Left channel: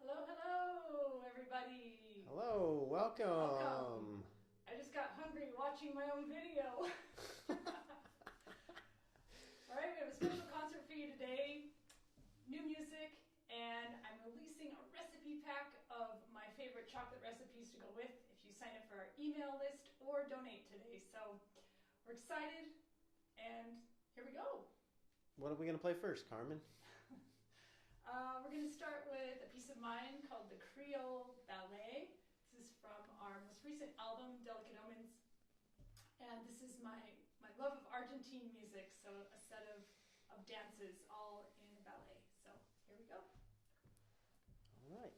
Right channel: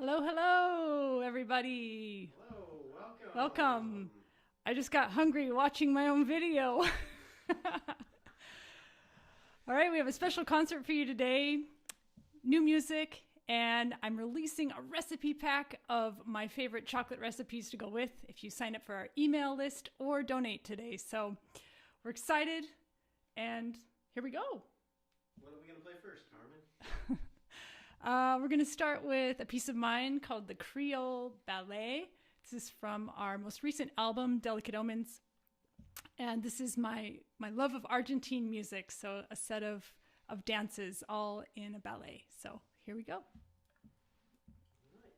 Hello, hello, everybody. Hello, welcome. Welcome. I just got hungry watching my own video. All right, we have a special concert for you today. New music, and I'm releasing a recipe pack of my favorite chocolate recipes to go with if you sign up for our email list or donate today. So we're excited, and here we go. What are we going to play first, Carmen? We're going to start with a piece of mine called the Creole Ballet. This is from our most recent album, Delicate Omens. And this is my love of Argentine music, so a set of dances all in a ballet. So here we go. All right.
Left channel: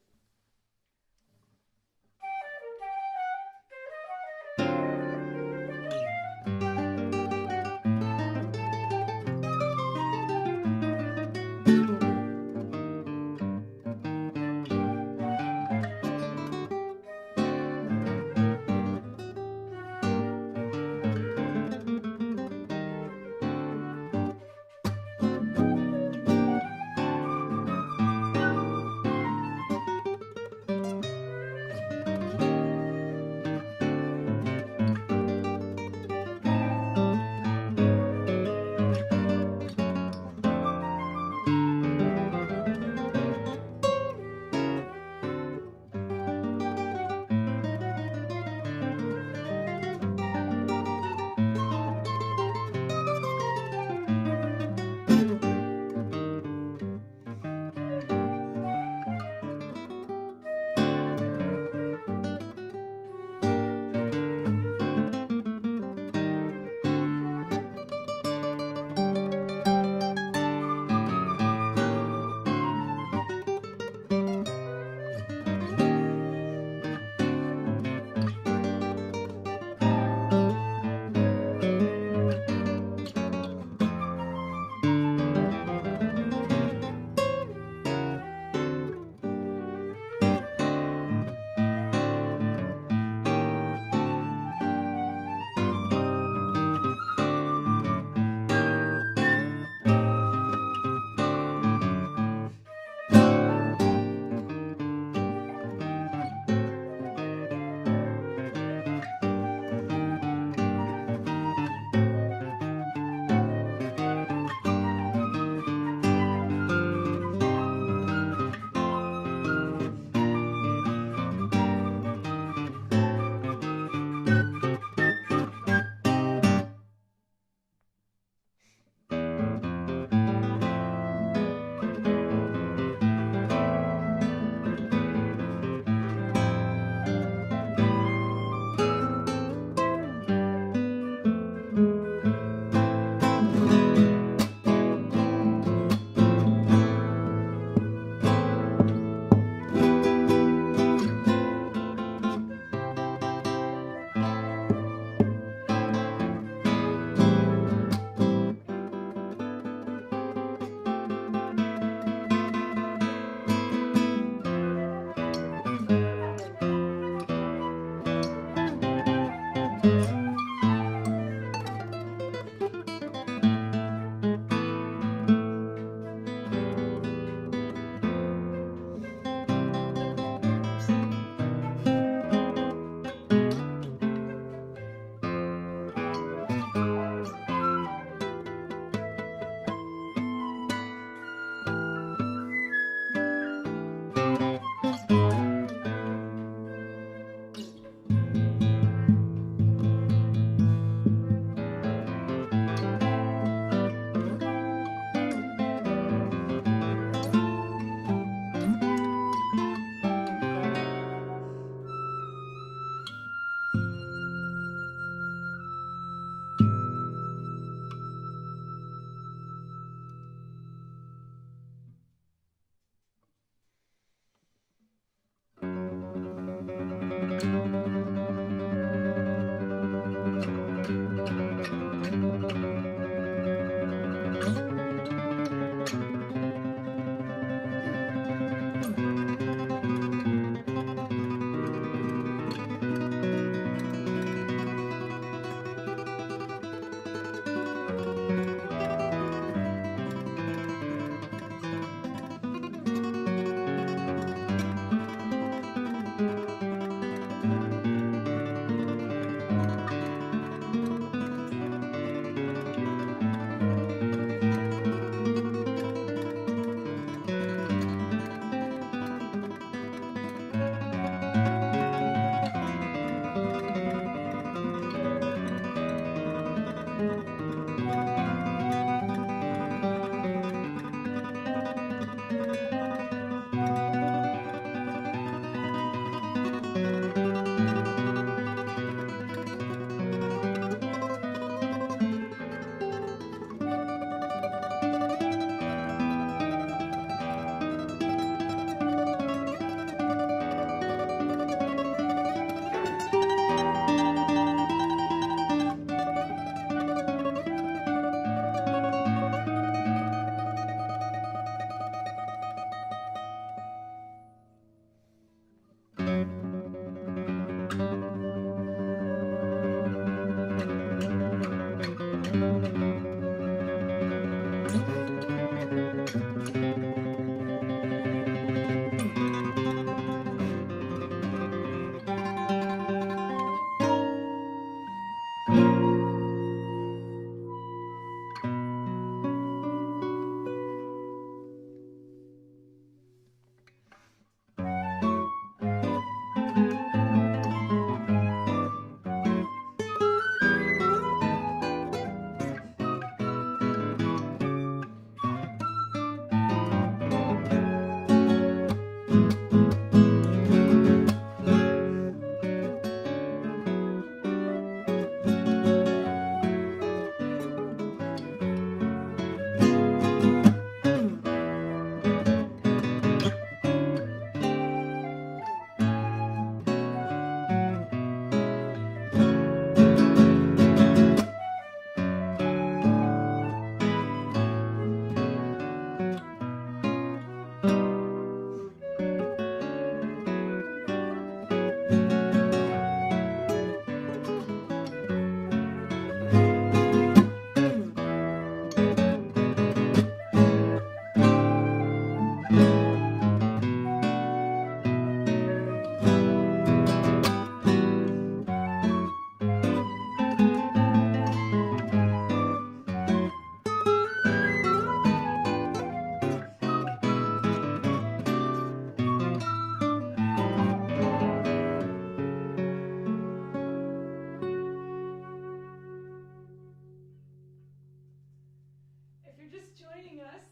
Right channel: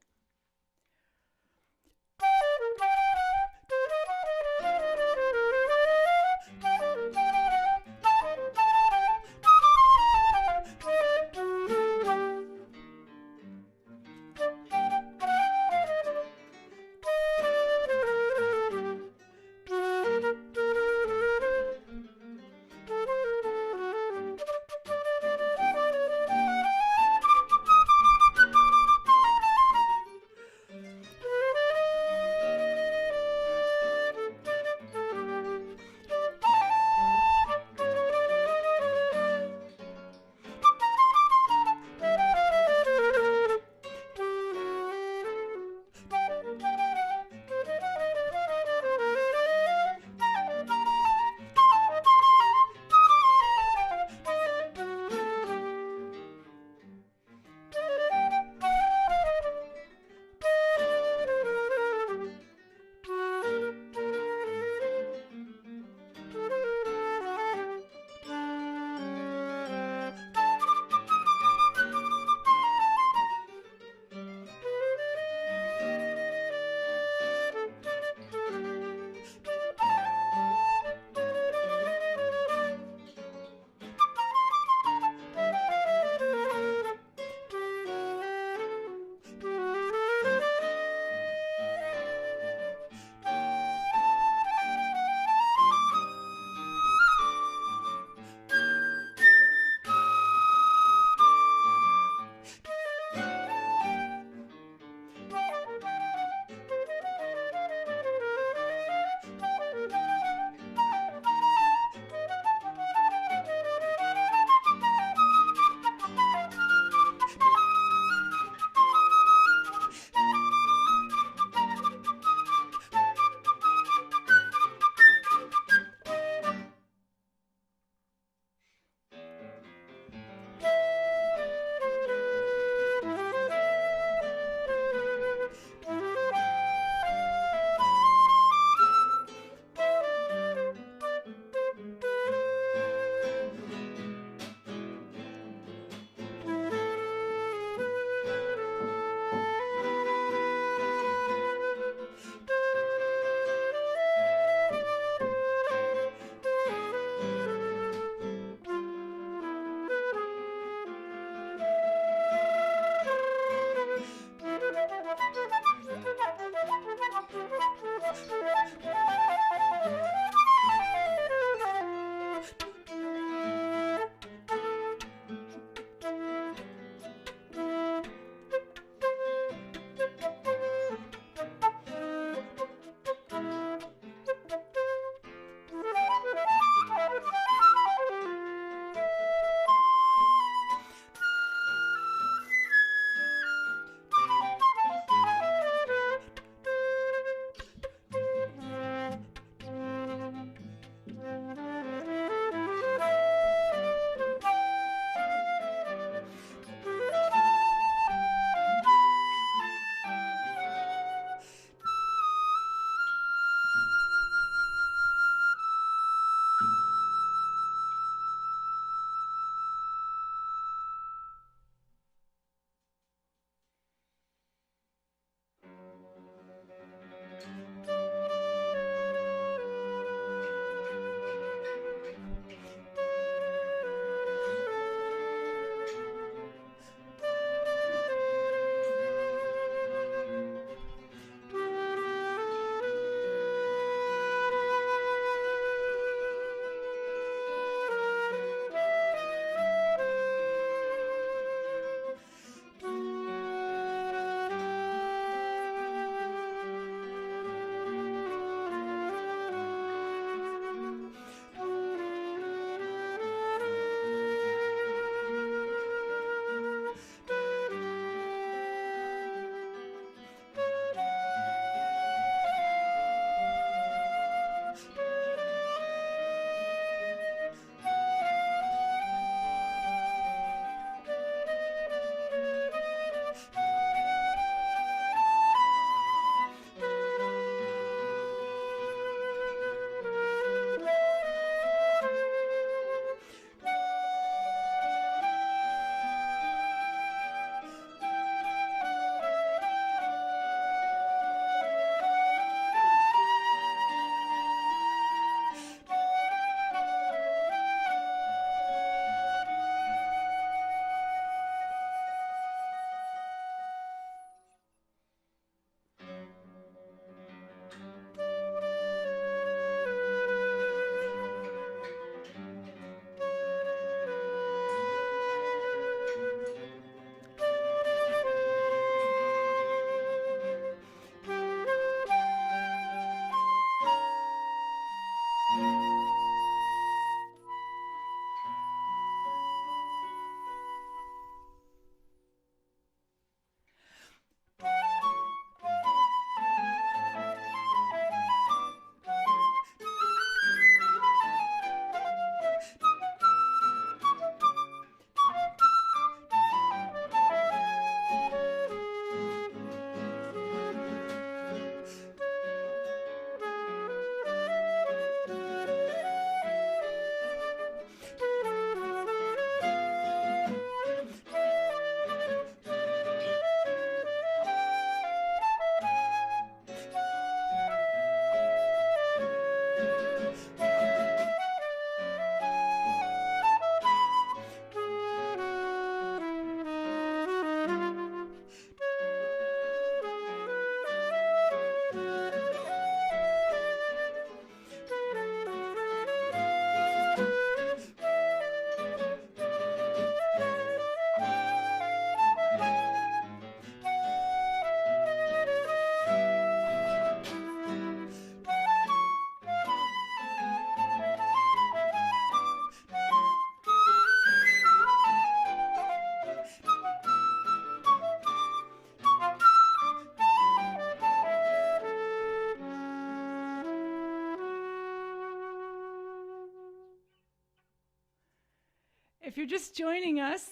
you're just joining us,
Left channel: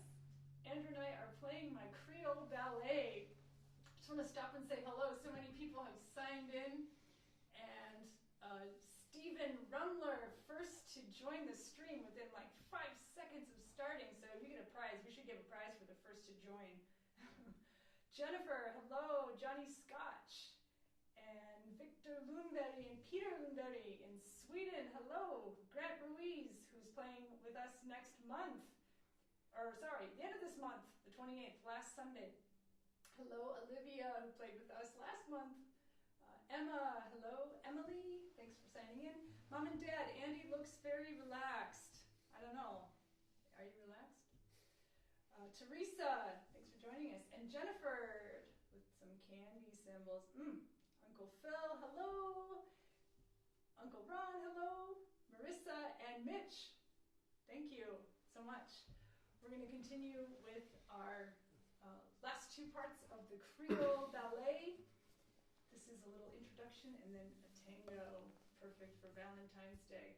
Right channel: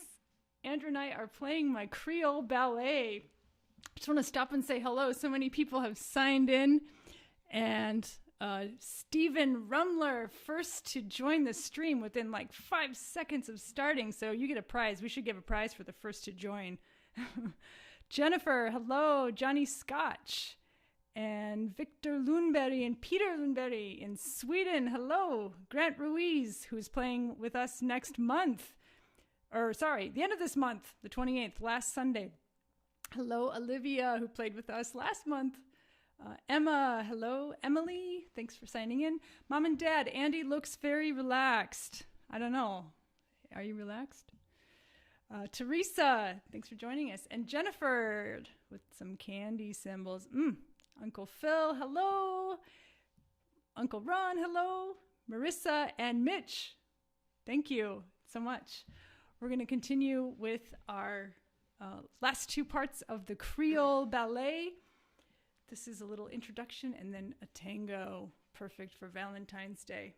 Andrew and I are playing my Creole Ballet. Just want to stop and say hello. So many people have signed in. And Stephen Rumler, first to join the stream within like 5 seconds of starting. So you get a prize. We should give a prize for the first to join. Jennifer, hello. Johnny Scotch. And Victor Lundberg and Peter Lundberg in Sweden. Hello. Grant Ruiz, who's playing with us next month. The end of this month, the 28th, last Sunday. Hello, Olivia, who played with us last month. Emma, hello. Emily, thanks for signing in. Mom and Dad, Andy looks very relaxed. I don't know. Are you relaxed? Teresa, thanks for joining us. And Jennifer with some candy symbols. Uncle Phil, hello. Uncle Ron, hello. Marissa and Mitch, thank you so much. We're going to continue with our last two parts of the Creole Ballet. This is a little introduction and then a tango, perfect for Valentine's Day.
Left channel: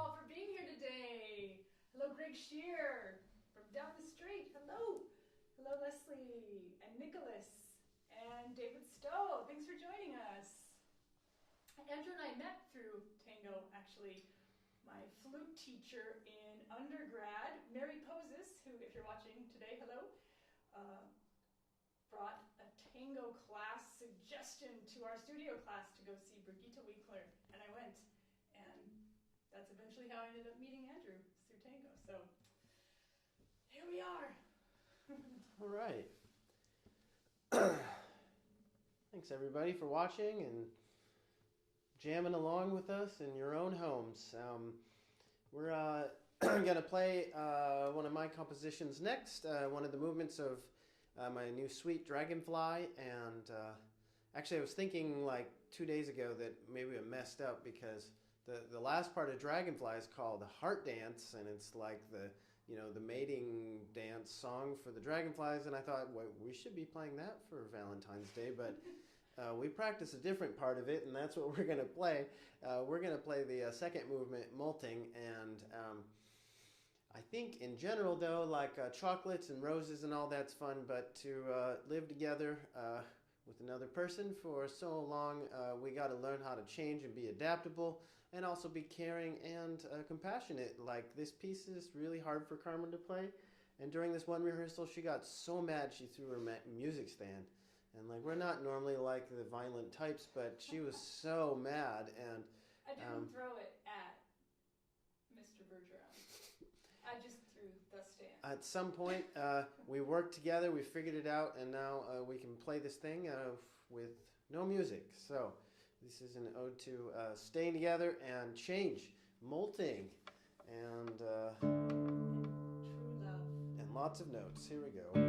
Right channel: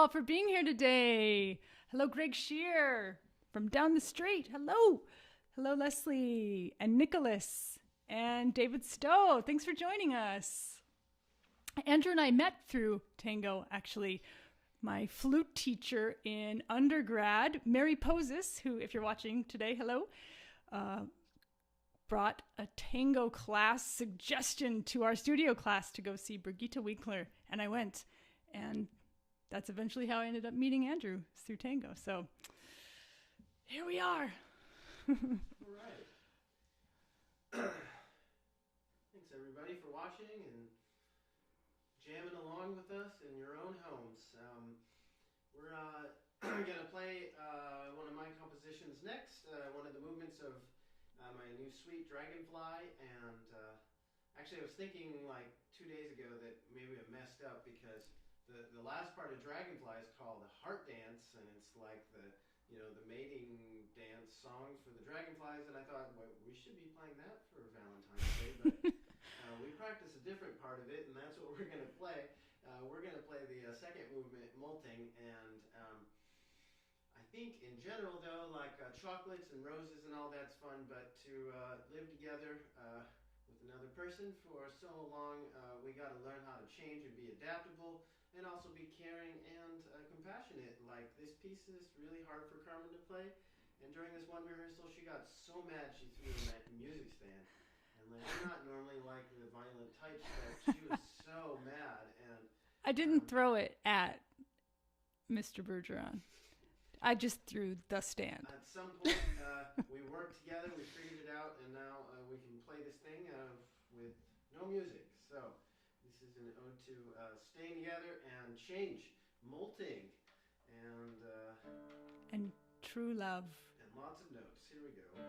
all for being here today. Hello, Greg Shear from down the street. Hello. Hello, Leslie and Nicholas and David Stowe. Thanks for joining us. Andrew and I met through Tango, actually. My flute teacher in undergrad, Mary Poses, who, if you're watching today, hello, brought a tango class suggestion to our studio class to go see Brigitte Winkler, and I went. And that's eventually how I ended up meeting Andrew, through Tango. So here we are. All right. Thanks, everybody, for watching and jamming along with us in your own homes. We're going to play one of my compositions next, one of the movements of my new suite, Dragonfly. And actually, I was thinking like 2 days ago that maybe I messed up because the last part of Dragonfly is called the Heart Dance, and it's like the mating dance song for the dragonflies. And I thought, well, we should be playing that for Valentine's Day, but we practice a different part of it, and that's what we're going to play. We're going to play the second movement, Molting, and I think in general, though, like chocolates and roses and all that's fun, but to live together with another person for so long, we got to learn how to change and be adaptable, and also be caring and compassionate. Like, this piece is really hard for Carmen to play, and during this one rehearsal, she got so mad she threw her music stand. And like, we're not normally like the violent types, but she was so mad. And I didn't throw it at Mr. Bergeron. I just threw the stand. At some point, we worked together, we figured it out, and now we can play this thing with no music. So this is an ode to staying together and change, molting, and true love. And lots of notes. Here we go.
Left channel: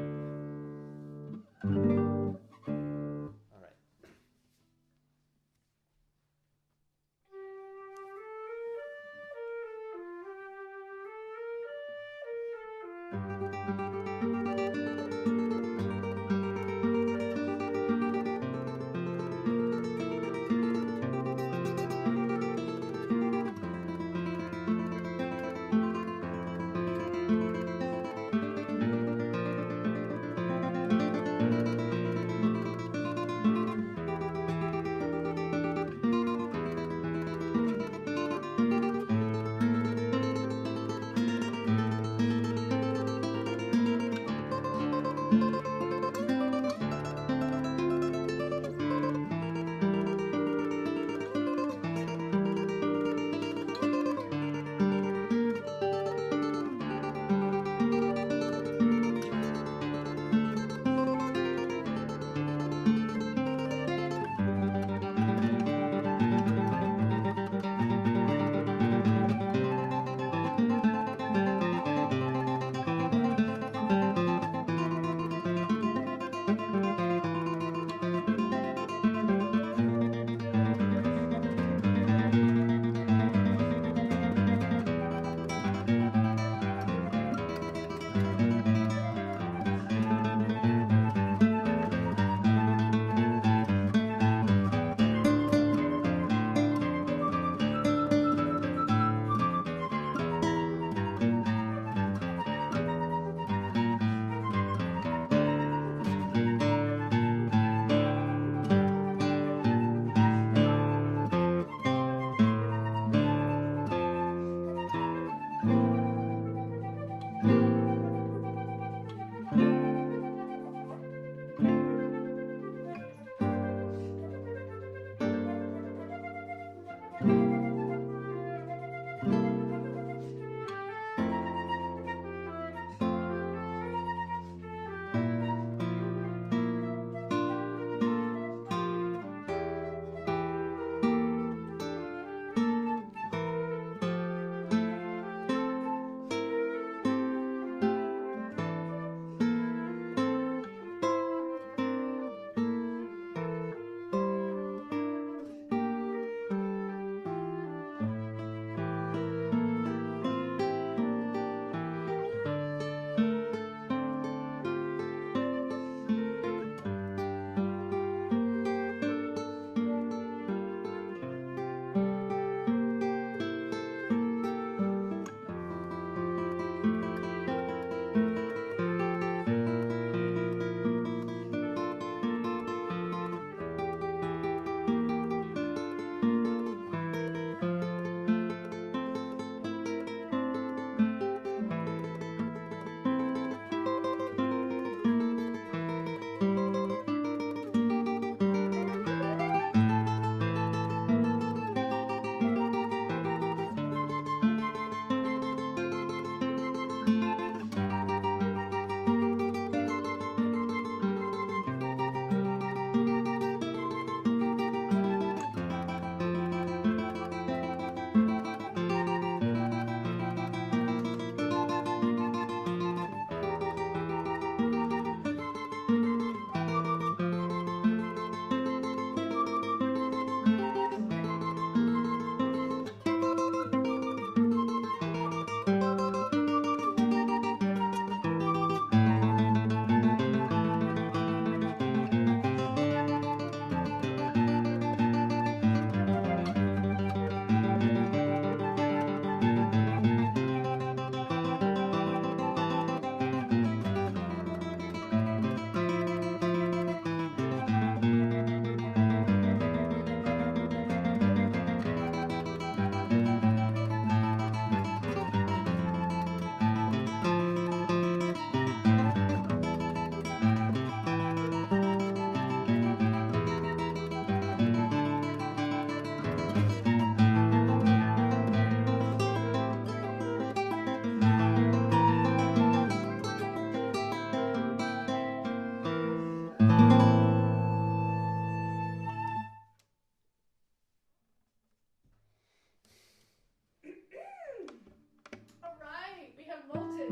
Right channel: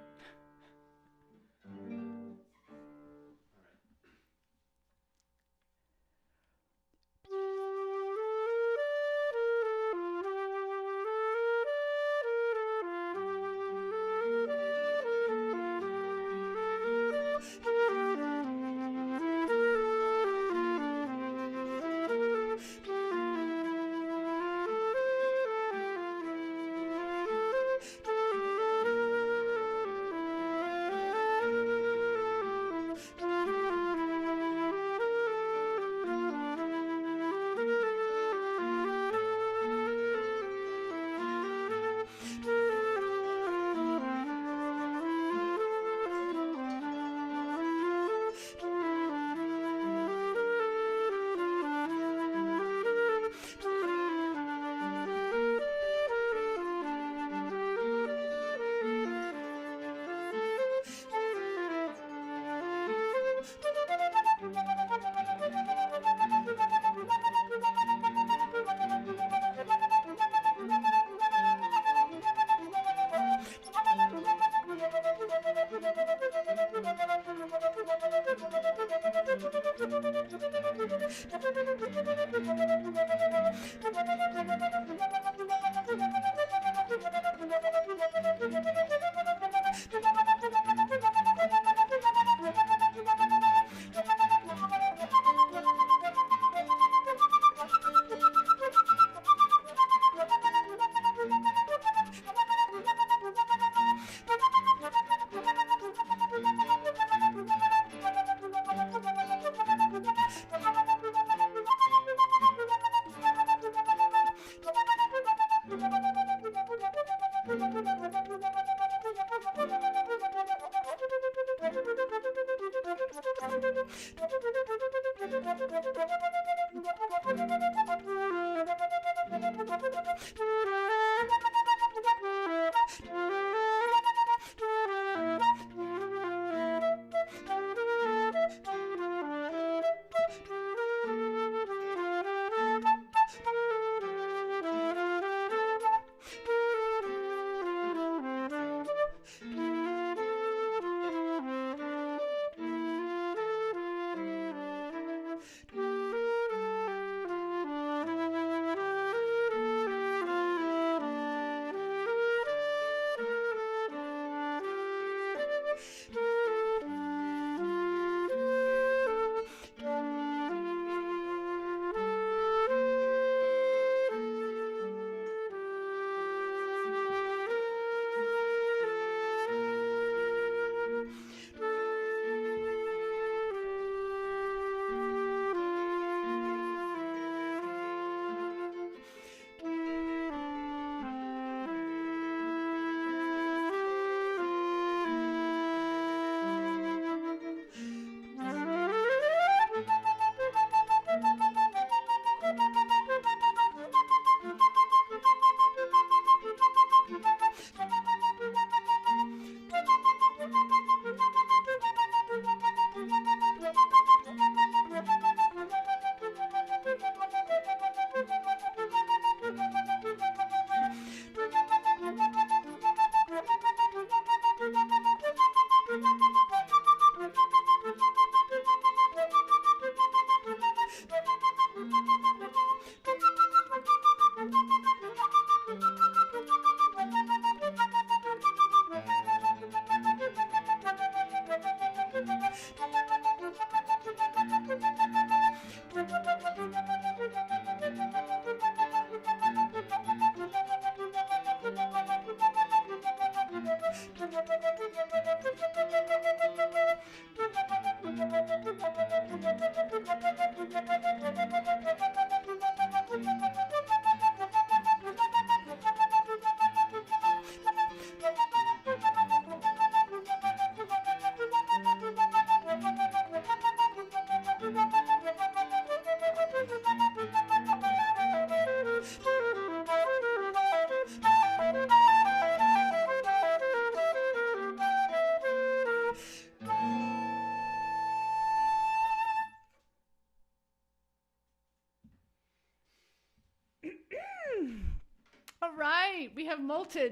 right, we have Molted.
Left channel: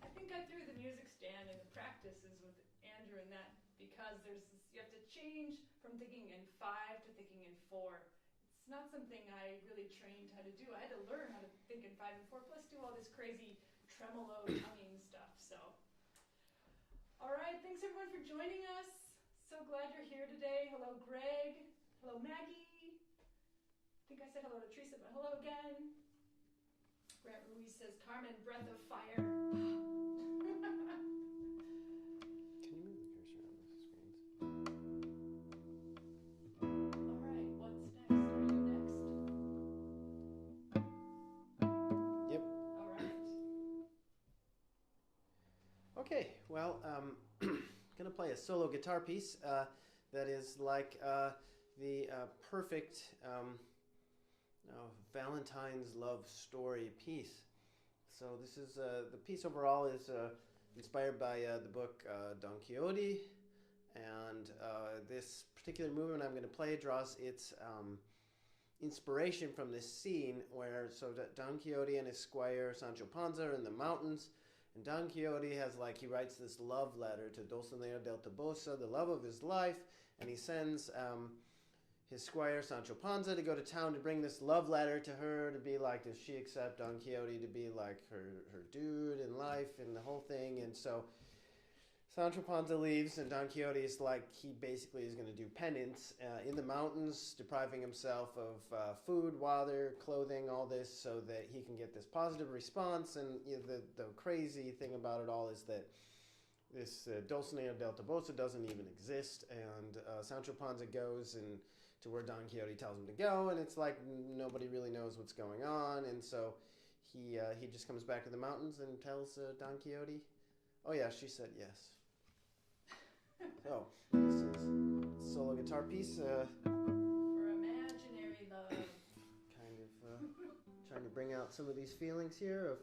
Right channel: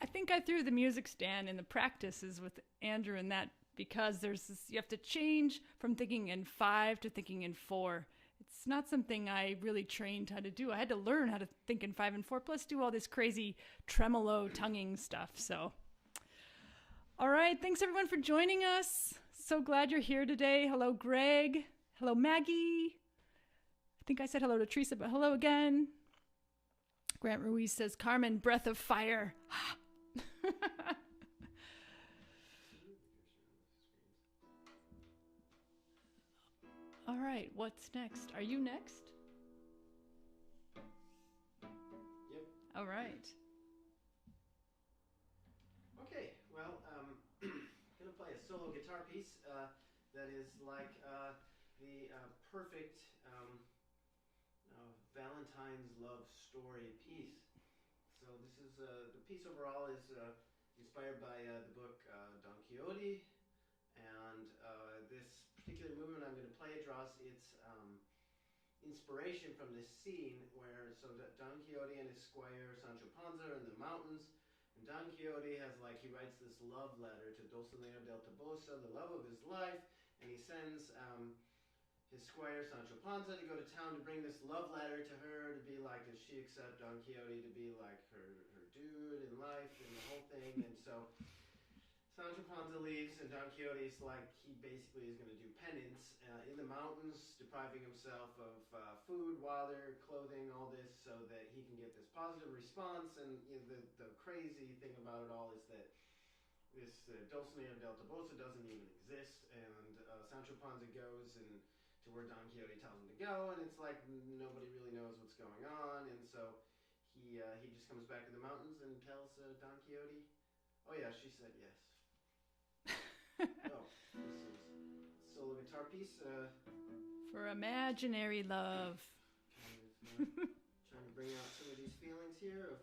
I think I threw the music stand in the practices with Andrew and that because there's this, you have to change from thinking in 5 to thinking in 4. It's not something I really trained how to do. I had to learn how to think in 5 and 4, plus do all this crazy tremolo tonguing stuff. So, all right, thanks everyone for joining us. So glad you're here today. Hello, Greg. Hello, Maggie. I think I said hello to Teresa, but hello again. Grant Ruiz says, Carmen, breath of fire. All right, what's next? Are you next? Yep. All right. Okay, well, gonna play a solo guitar piece that is like the perfect Valentine's love story piece. So this is the piece overall is inspired by the book Don Quixote, and this particular movement I'm going to play draws its inspiration from this scene where Don Quixote and his squire Sancho Panza are in the mountains, and Don Quixote he writes this love letter to Dulcinea del Toboso, the love of his life, and he sends his squire Sancho Panza to go to town to bring this love letter to her to be like, does she accept Don Quixote to be like her dude in life and the whole thing. And so Sancho Panza leaves, and Don Quixote is like, he basically is going to do penance in the mountains, depriving himself of food, water, clothing, all this, so that he can get this positive response. And the crazy thing about it all is that this Dulcinea del Toboso doesn't even exist, and Sancho Panza goes to where Don Quixote tells him to go, and it's like nobody really knows what's going on, and so he just comes back to the mountains and tells Don Quixote, oh yeah, she said yes. Oh, this is a solo guitar piece. For imaginary love. Kind of trying to bring out some of these feelings here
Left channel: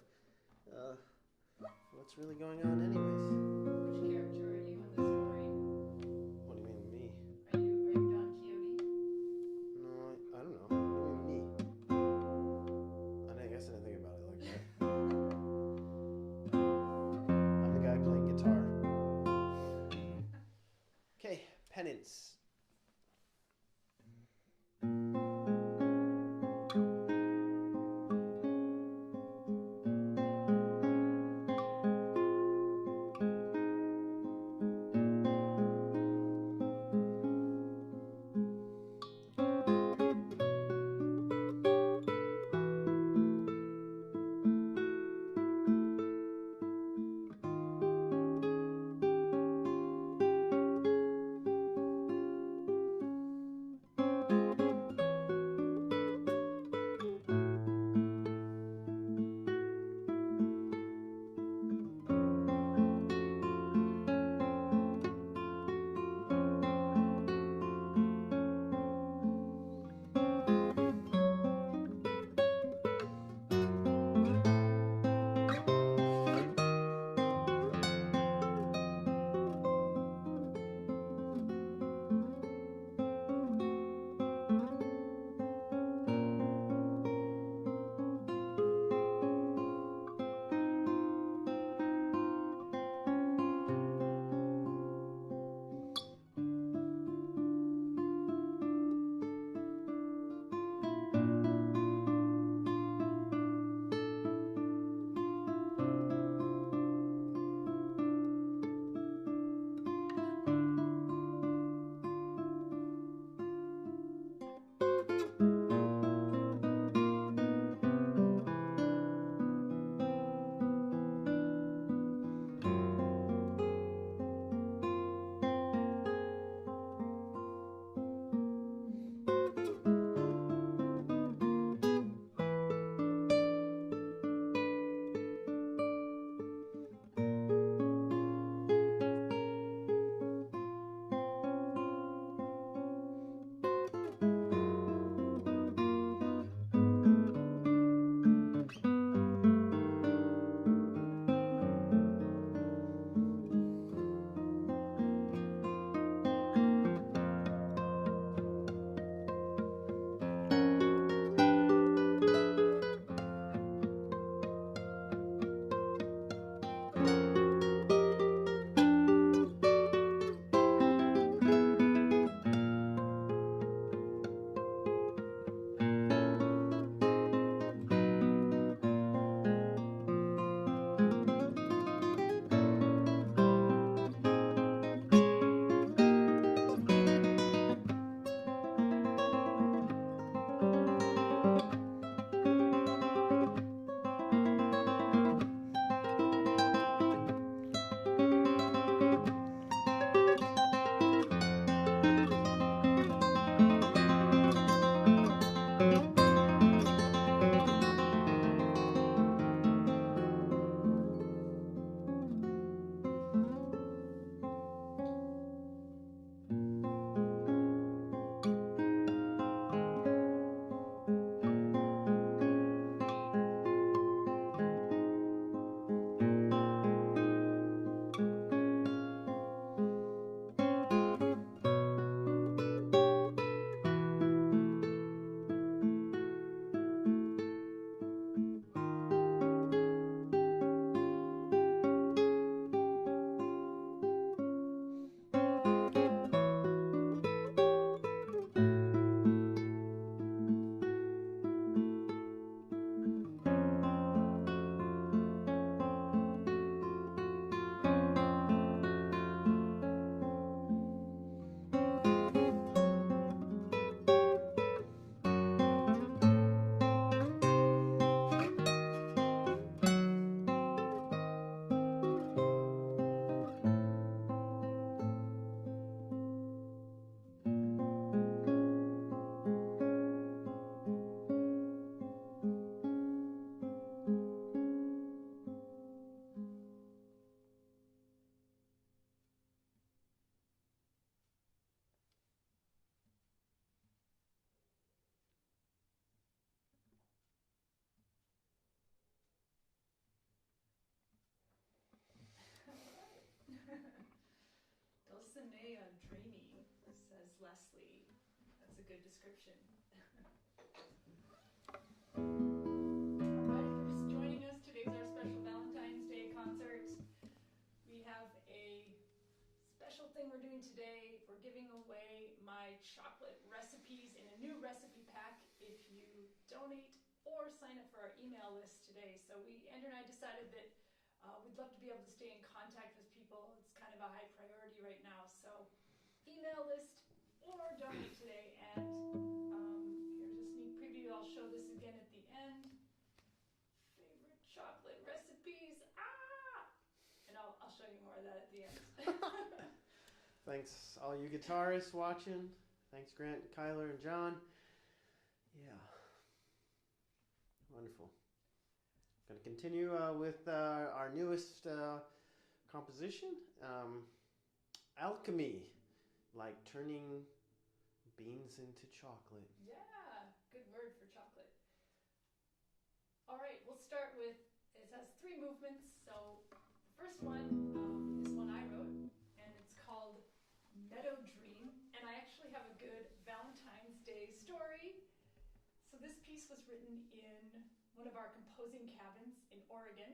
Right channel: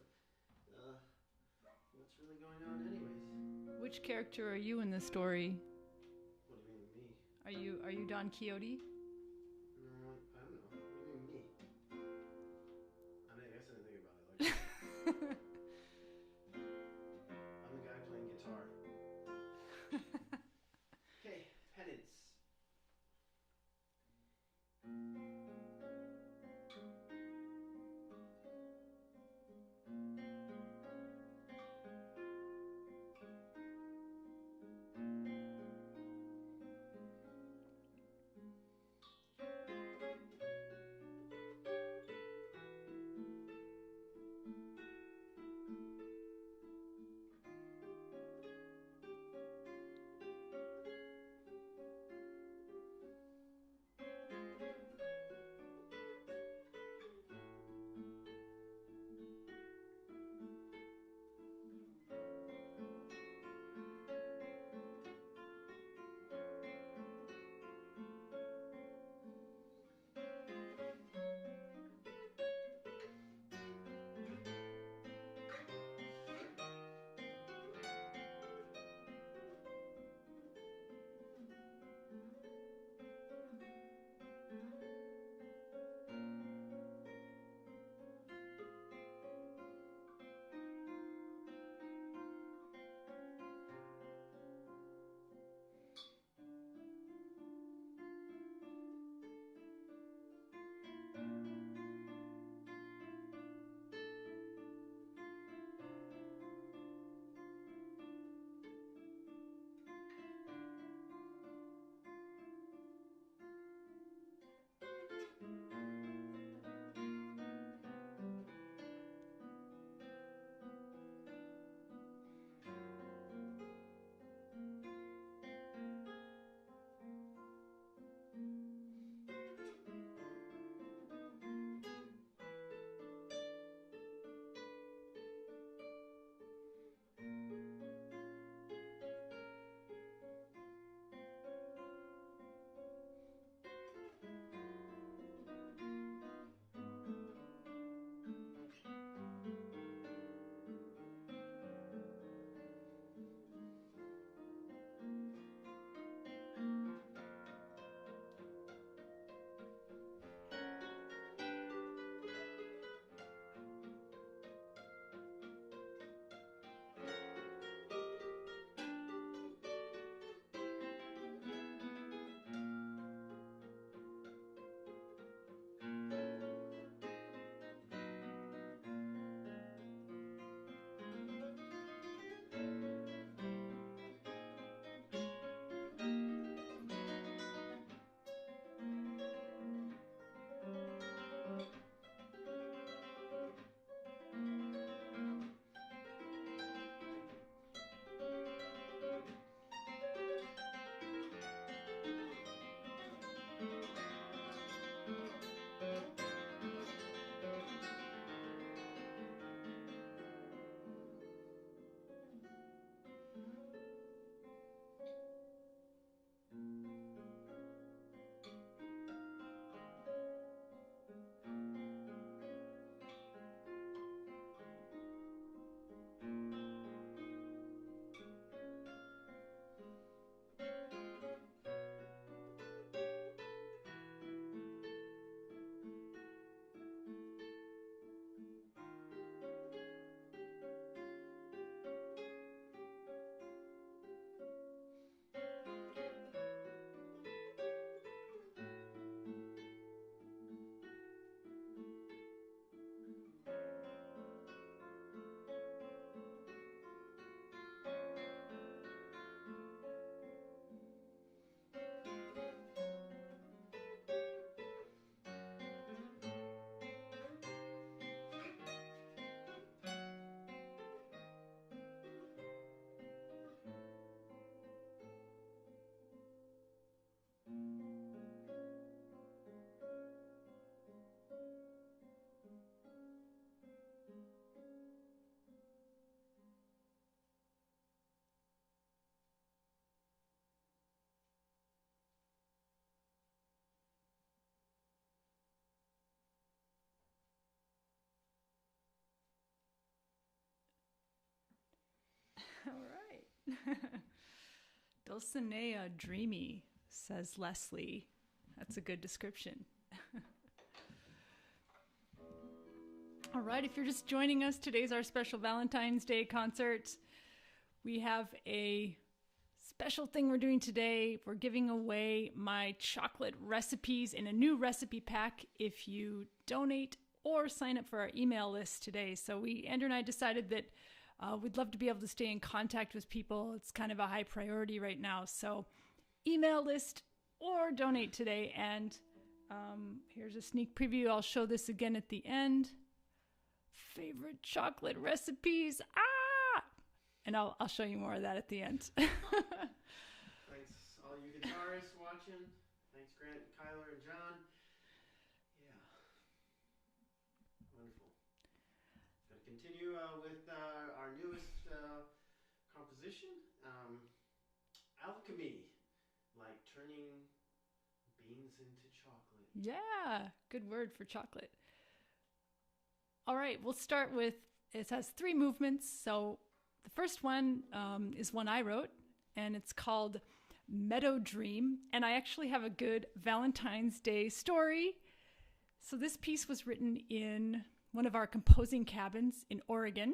of what's really going on anyways. Which character are you in the story? What do you mean, me? Are you Don Quixote? I don't know. What do you mean, me? I guess I didn't think about it like that. I'm the guy playing guitar. Okay, Penance. Dulcinea dreamy, says Leslie. That's a good description. All right, if you're just joining us, today's our special Valentine's Day concert. We have a special thing we're doing today. We're giving away my chocolate recipes in a new recipe pack if you donate or sign up for our email list today. So Andrew and I decided that we'd love to be able to stay in contact with people. It's kind of a high priority right now. So email list or donate today. And here's a sneak preview. I'll show this again at the end. Favorite chocolate recipes. And I'll show you more of that at the end. Thanks all you guitarists watching. Thanks Grant, Kyler, and John. Yeah. Wonderful. Going to continue with our newest composition, Alchemy, like turning beans into chocolate. Yeah, good word for chocolate. All right, we'll start with, it has 3 movements. So the first one is one I wrote, and it's called Meadow Dream. And I actually have a good Valentine's Day story. So this piece was written in one of our composing cabins in Oregon,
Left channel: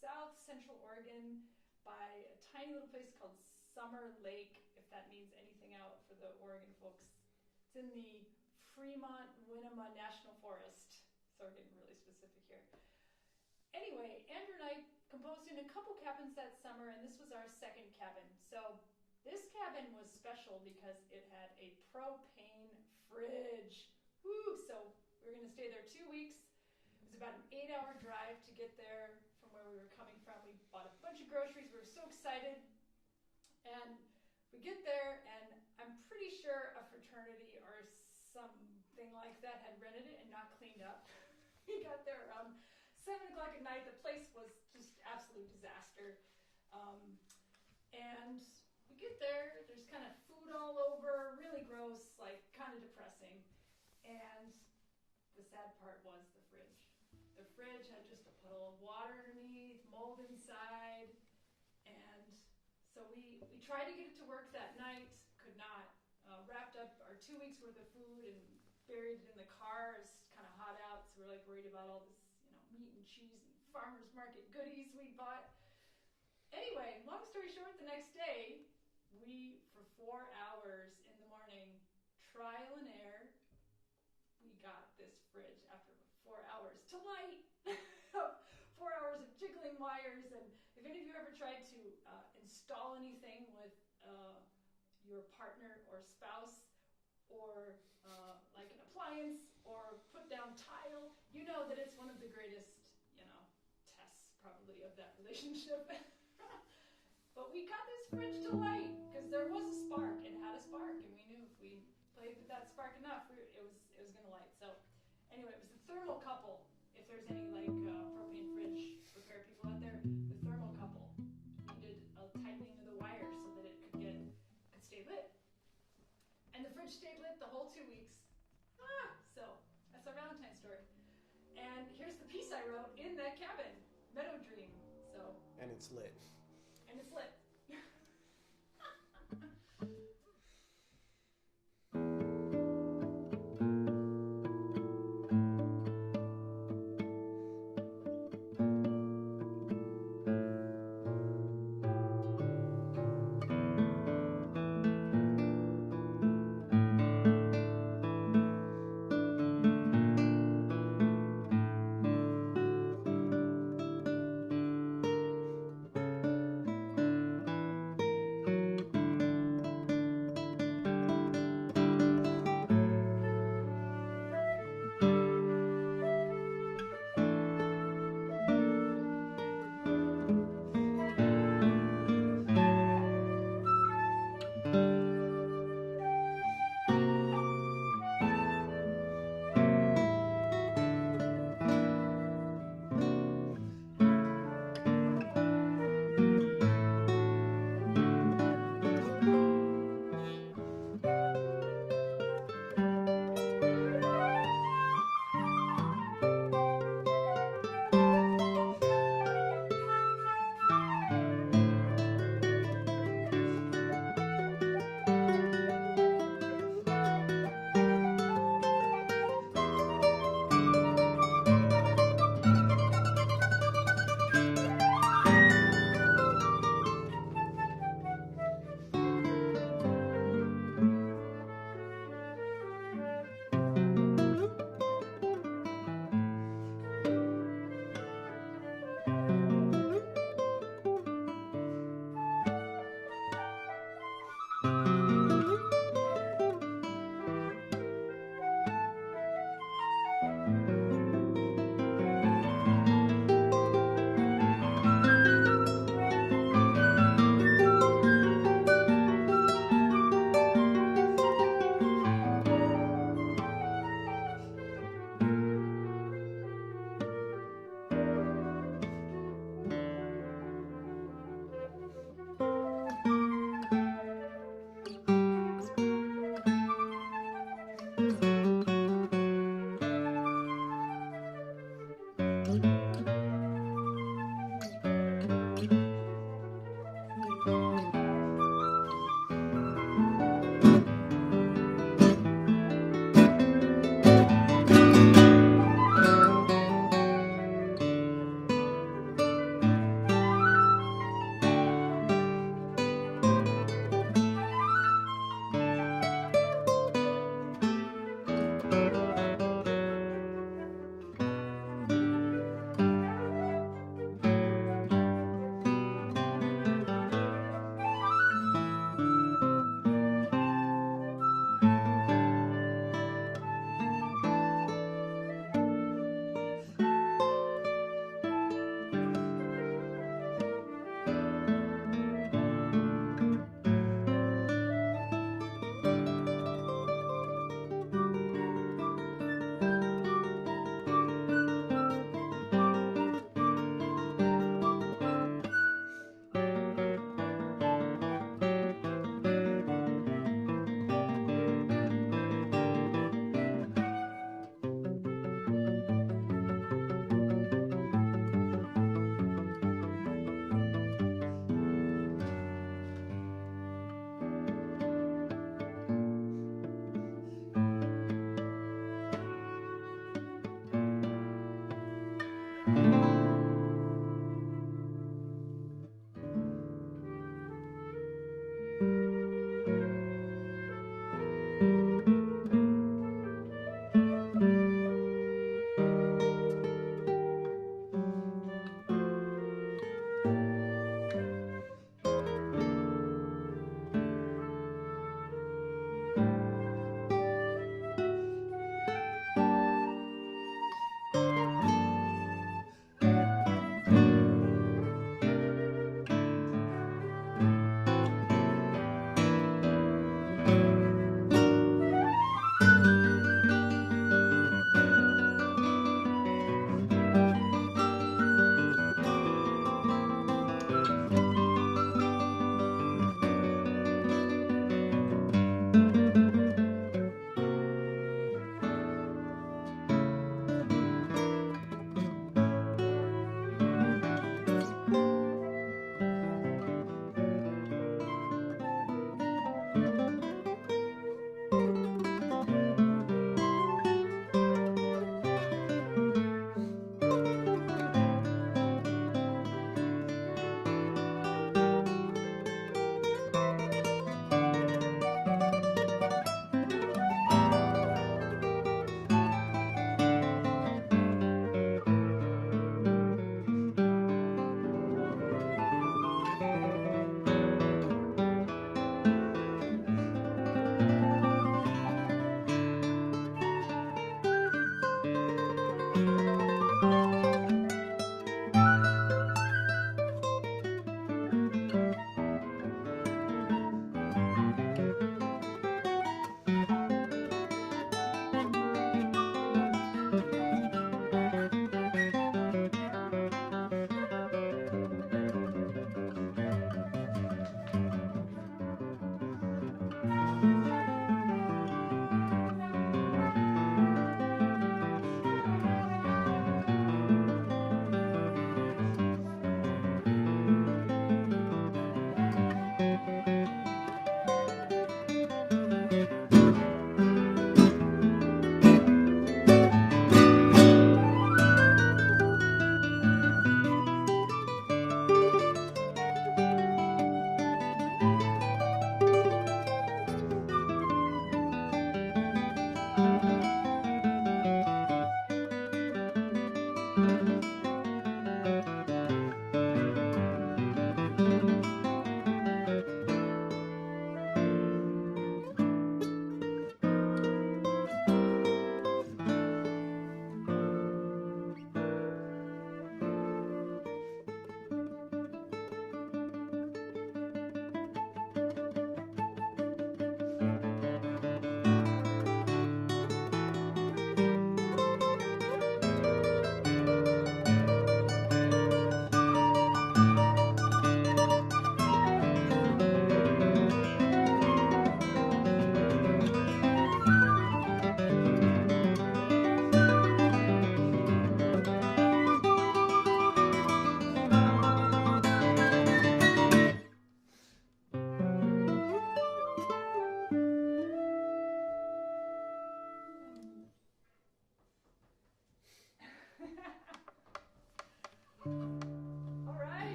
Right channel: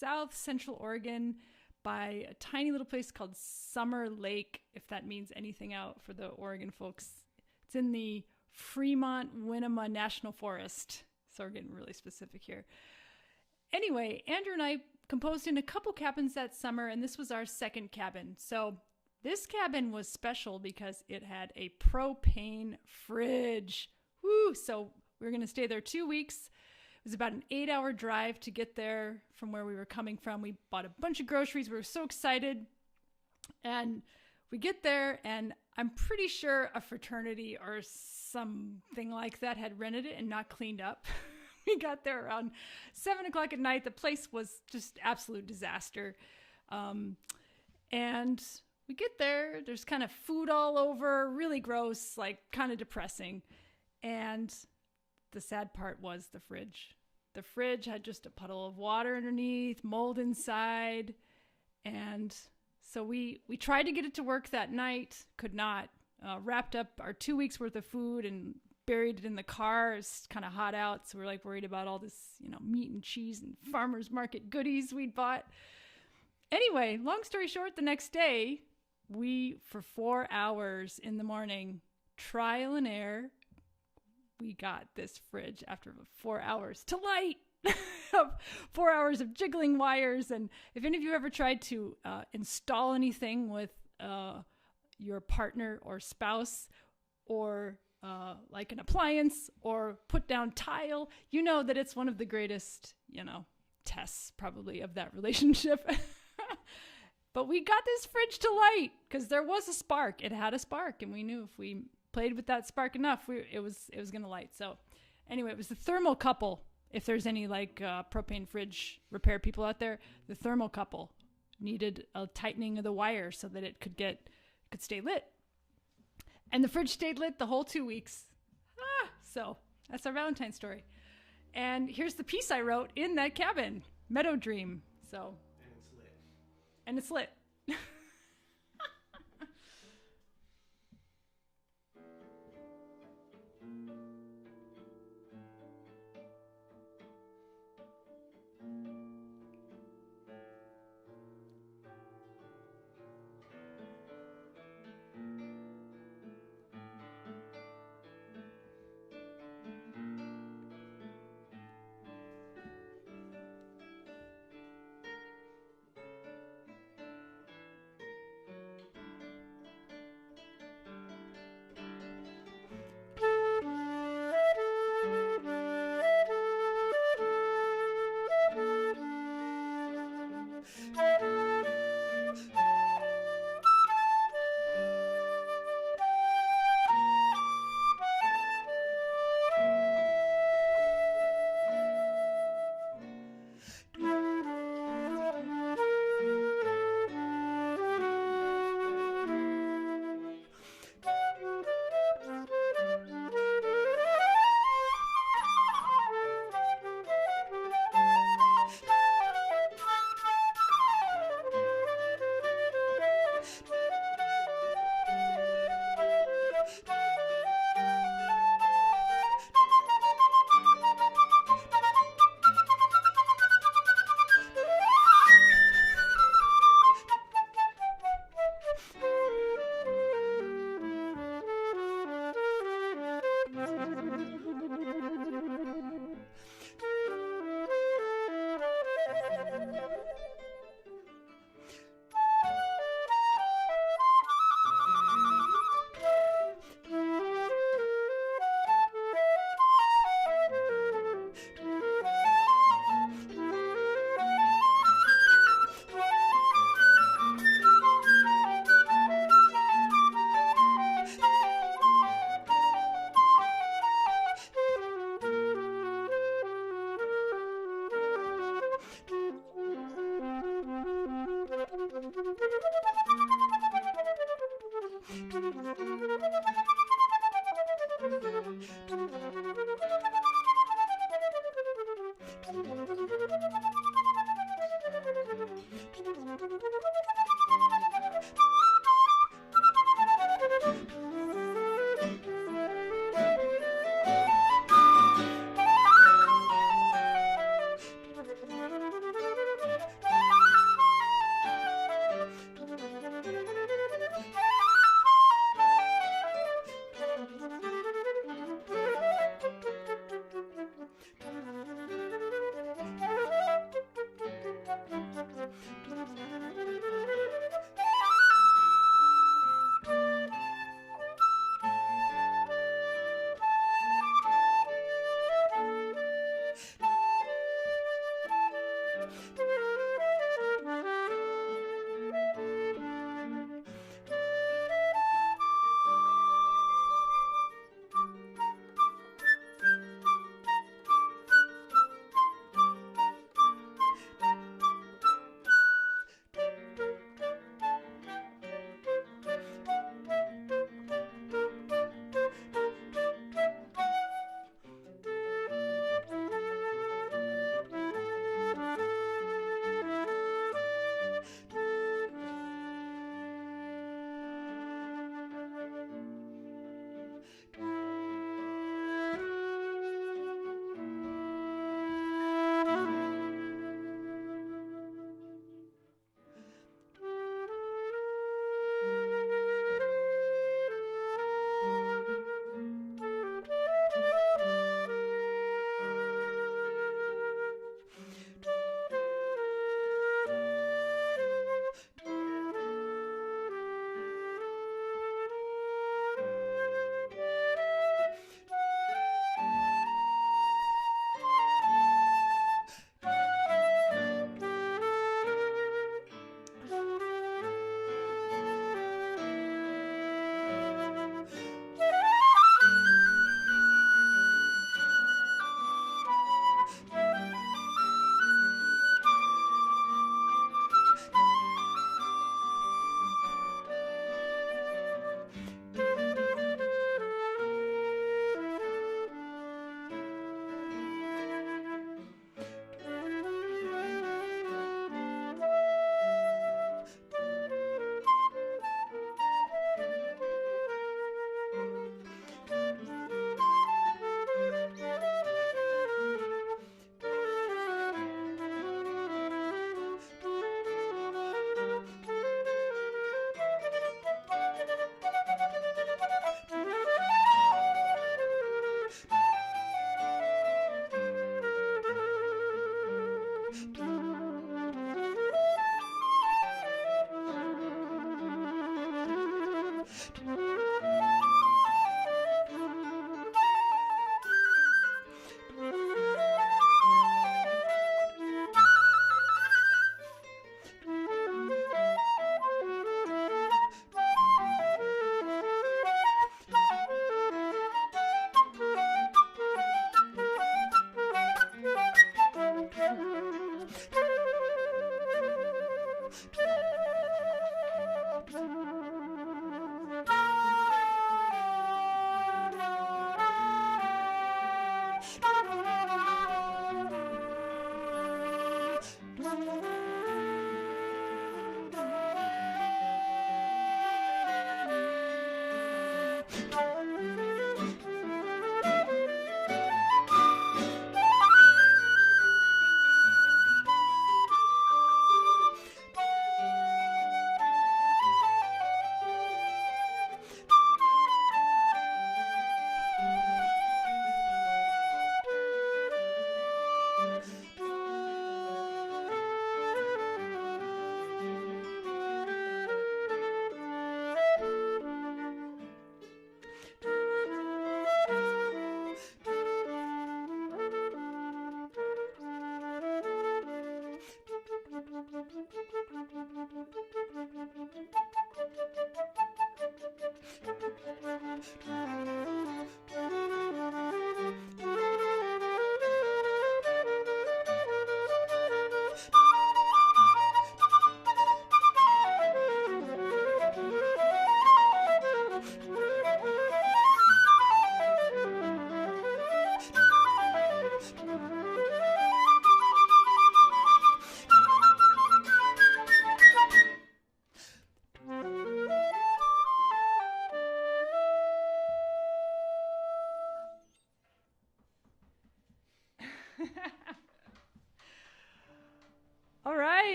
South Central Oregon, by a tiny little place called Summer Lake, if that means anything out for the Oregon folks. It's in the Fremont-Winema National Forest. So we're getting really specific here. Anyway, Andrew and I composed in a couple cabins that summer, and this was our second cabin. So this cabin was special because it had a propane fridge. Woo! So we were going to stay there 2 weeks. It was about an 8-hour drive to get there from where we were coming from. We bought a bunch of groceries. We were so excited. And we get there, and I'm pretty sure a fraternity or something like that had rented it and not cleaned up. We got there around 7 o'clock at night. The place was just absolute disaster. And we get there. There's kind of food all over, really gross, like kind of depressing. And the sad part was the fridge. The fridge had just a puddle of water underneath, mold inside. And so we tried to get it to work that night, could not. Wrapped up our 2 weeks worth of food and buried it in the car. It's kind of hot out, so we're like worried about all this, meat and cheese and farmer's market goodies we'd bought. Anyway, long story short, the next day, we, for 4 hours in the morning, trial and error, we got this fridge after 4 hours to light. 4 hours of jiggling wires. And if any of you ever tried to install anything with your partner or spouse, or like an appliance, or put down tile, you know that it's one of the greatest, tests probably of that relationship. But we got this fridge to light because there was a spark. It had a spark, and we knew if we played with that spark enough, it was going to light. So anyway, it was the thermocouple. If there's any propane fridge repair people out there, the thermocouple needed a tightening of the wire so that it could stay lit. And the fridge stayed lit the whole 2 weeks. So that's our Valentine story. And here's the piece I wrote in that cabin, Meadow Dream. And it's lit. And it's lit.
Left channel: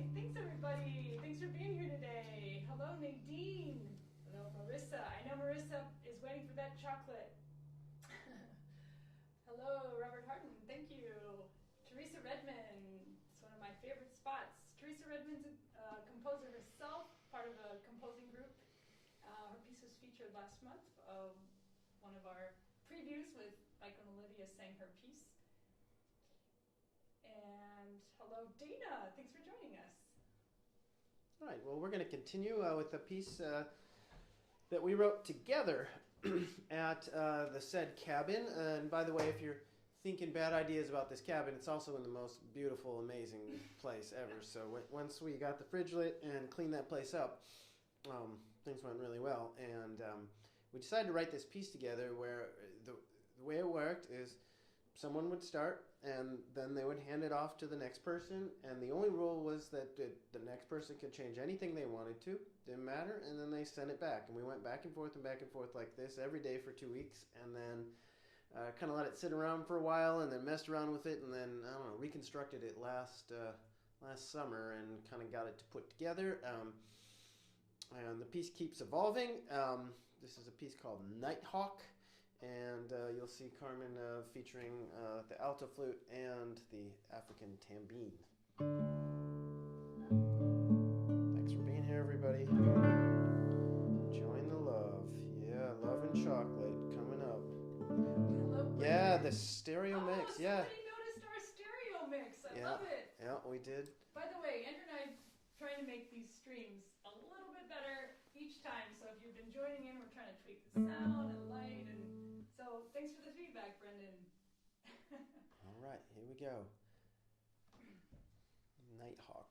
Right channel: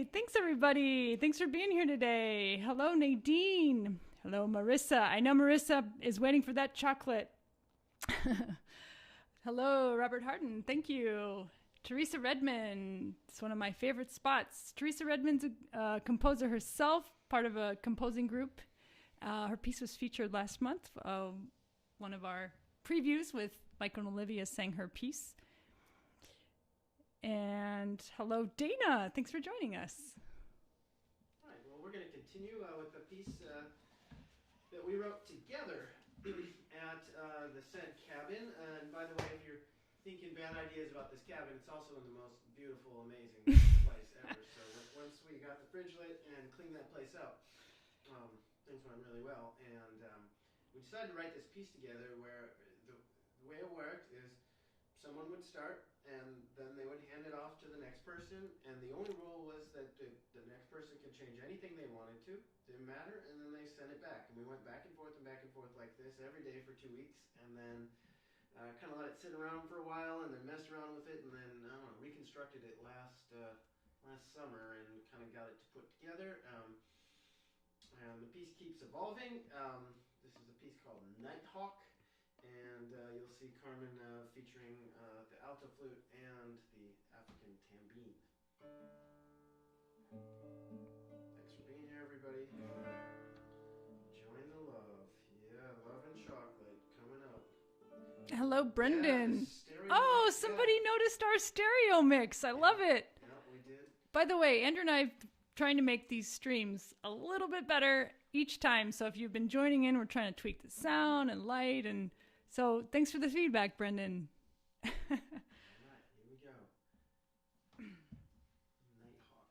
Yay! Thanks, everybody. Thanks for being here today. Hello, Nadine. Hello, Marissa. I know Marissa is waiting for that chocolate. Hello, Robert Harden. Thank you. Teresa Redmond. It's one of my favorite spots. Teresa Redmond's a composer herself, part of a composing group. Her piece was featured last month. One of our previews with Michael and Olivia sang her piece. And hello, Dana. Thanks for joining us. All right. Well, we're going to continue with a piece that we wrote together at the said cabin. And by the way, if you're thinking bad ideas about this cabin, it's also in the most beautiful, amazing place ever. So once we got the fridge lit and cleaned that place up, things went really well. And we decided to write this piece together where the way it worked is someone would start, and then they would hand it off to the next person, and the only rule was that the next person could change anything they wanted to, didn't matter, and then they sent it back. And we went back and forth like this every day for 2 weeks, and then kind of let it sit around for a while, and then messed around with it, and then, I don't know, reconstructed it last summer and kind of got it to put together. And the piece keeps evolving. This is a piece called Nighthawk. And you'll see Carmen featuring the alto flute and the African tambine. Thanks for being here, everybody. Join the love. Yeah, love and chocolate coming up. Hello, Brendan. Yeah, the stereo mix. Somebody noticed our stereo mix. I love it. Yeah, we did. By the way, Andrew and I are trying to make these streams a little bit better each time. So if you've been joining in, we're trying to tweak the sound and light and... So thanks for the feedback, Brendan. All right, here we go. Nighthawk.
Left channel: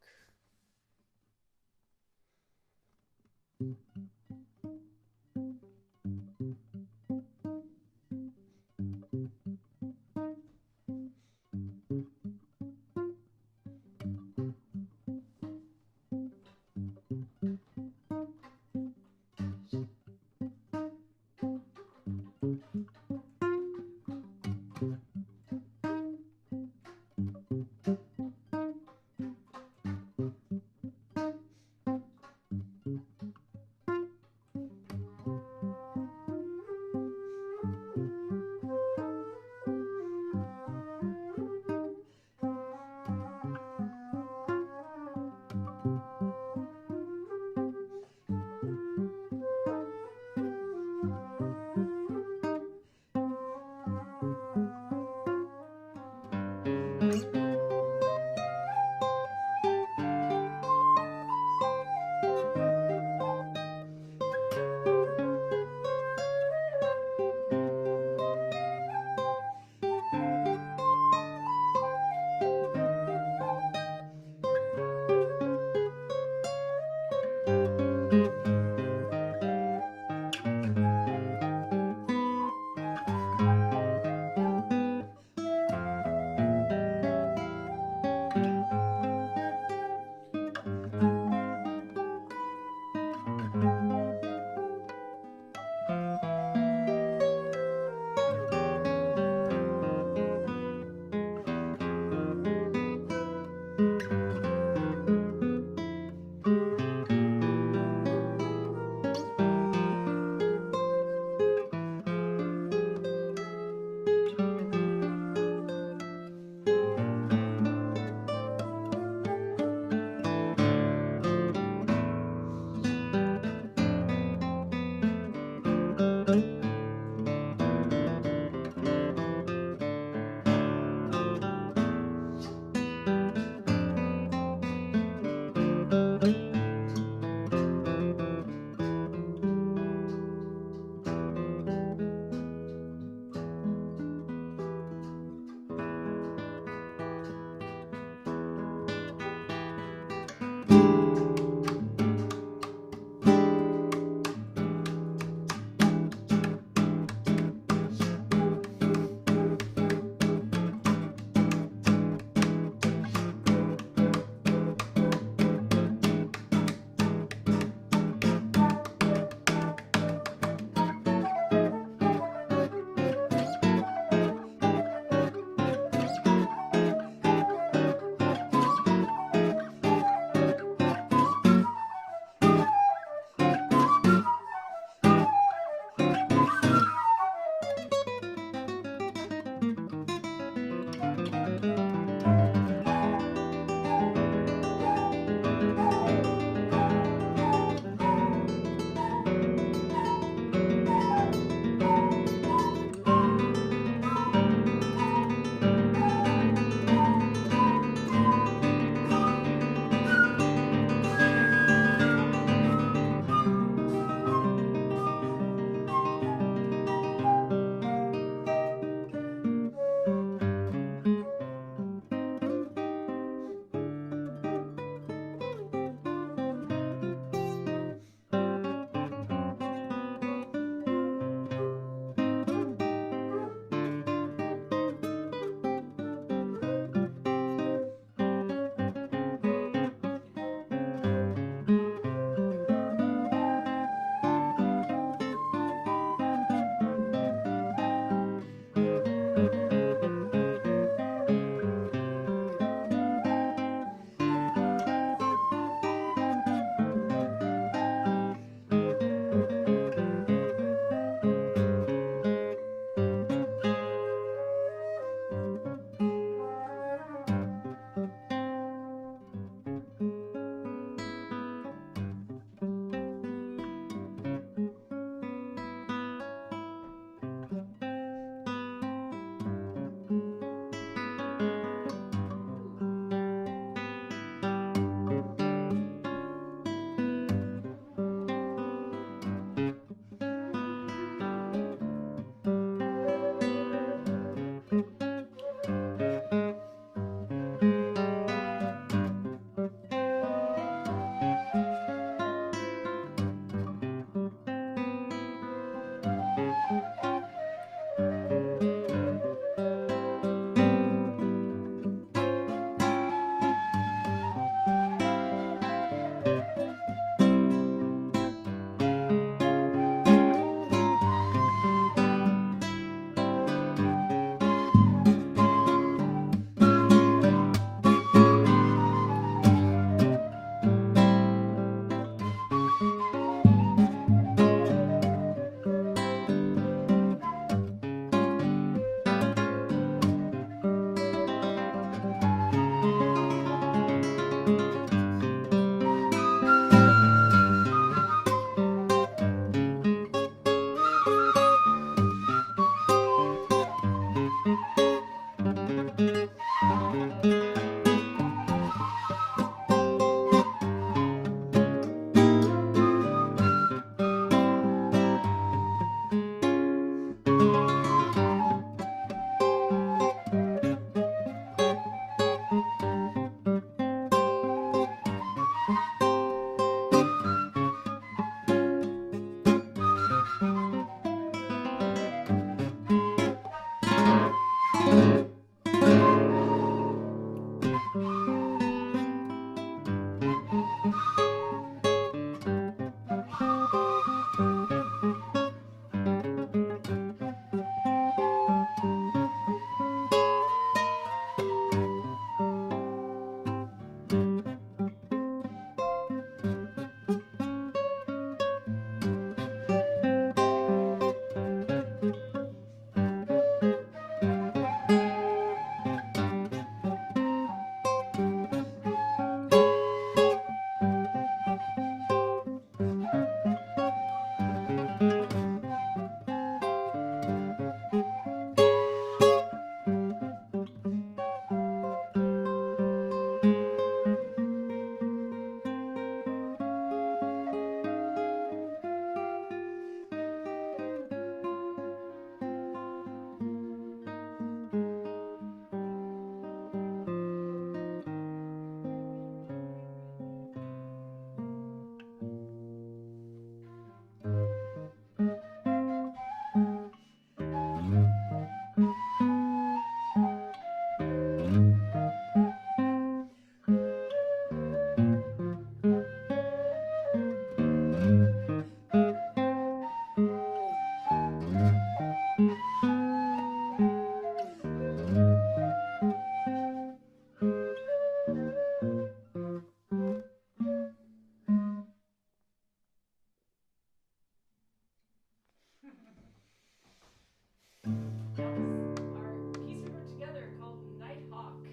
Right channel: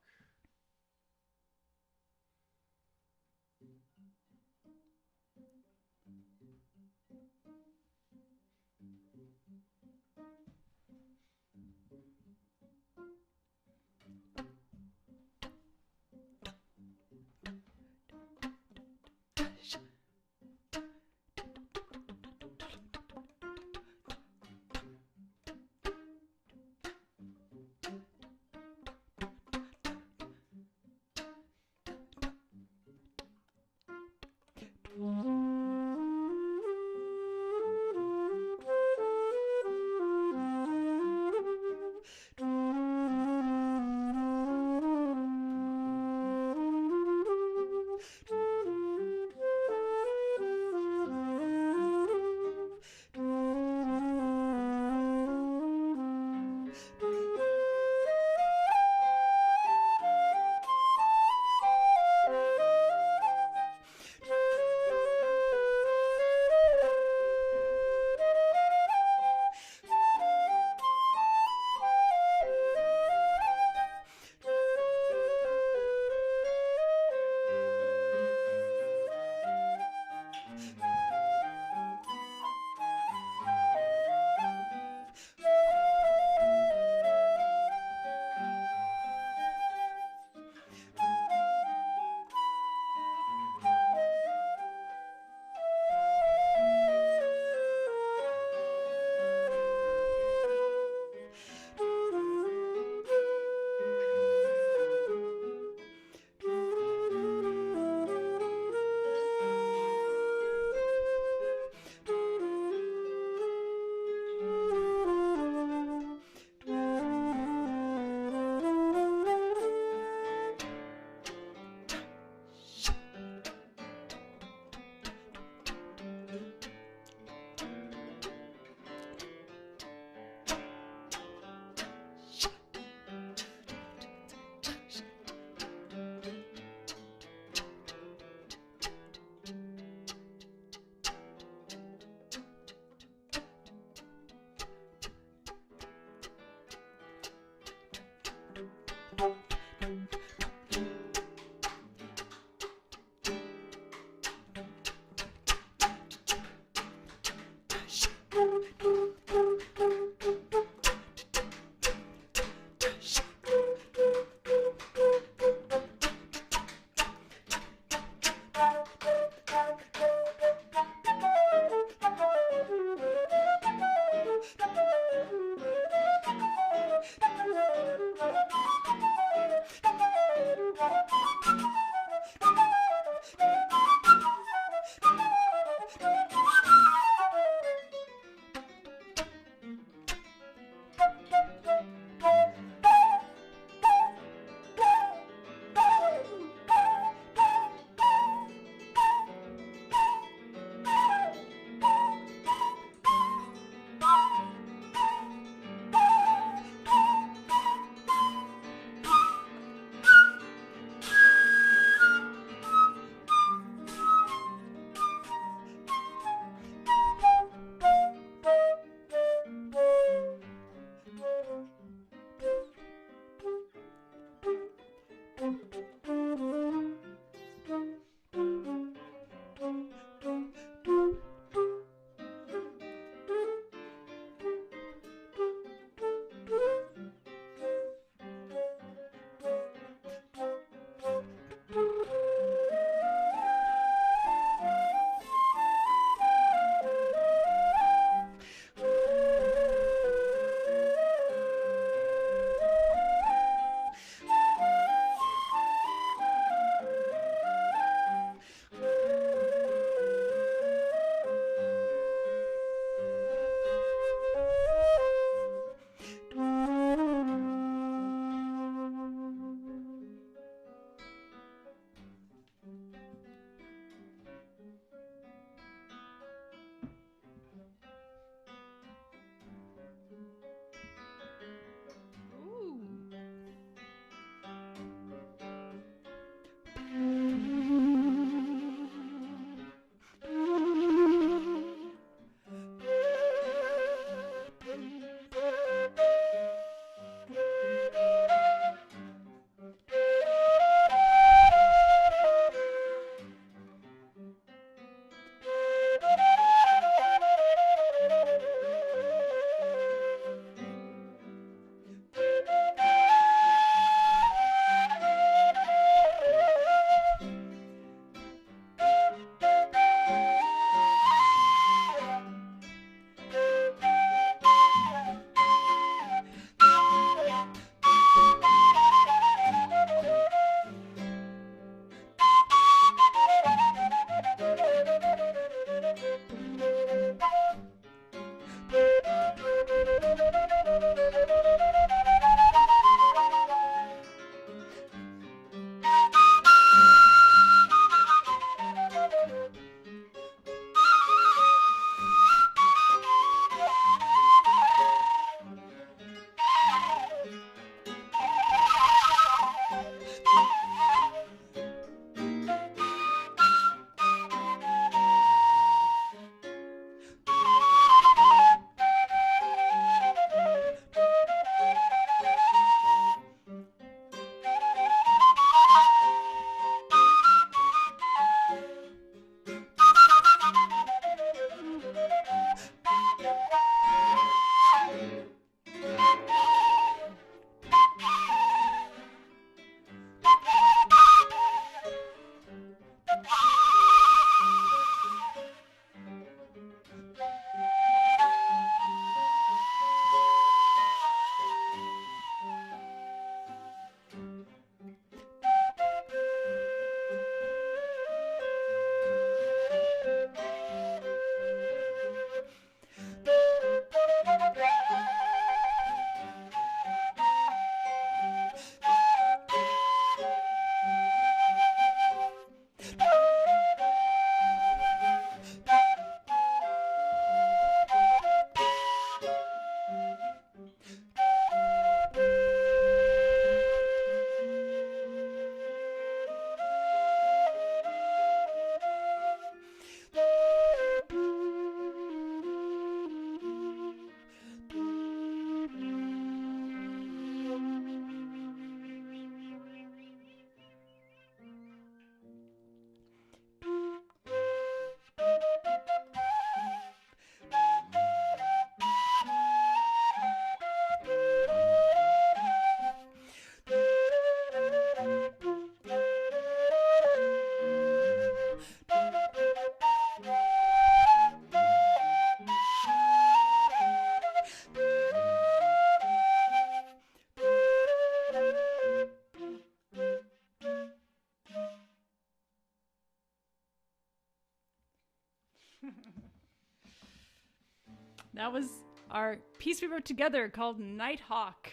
That was our piece we wrote together called Nighthawk.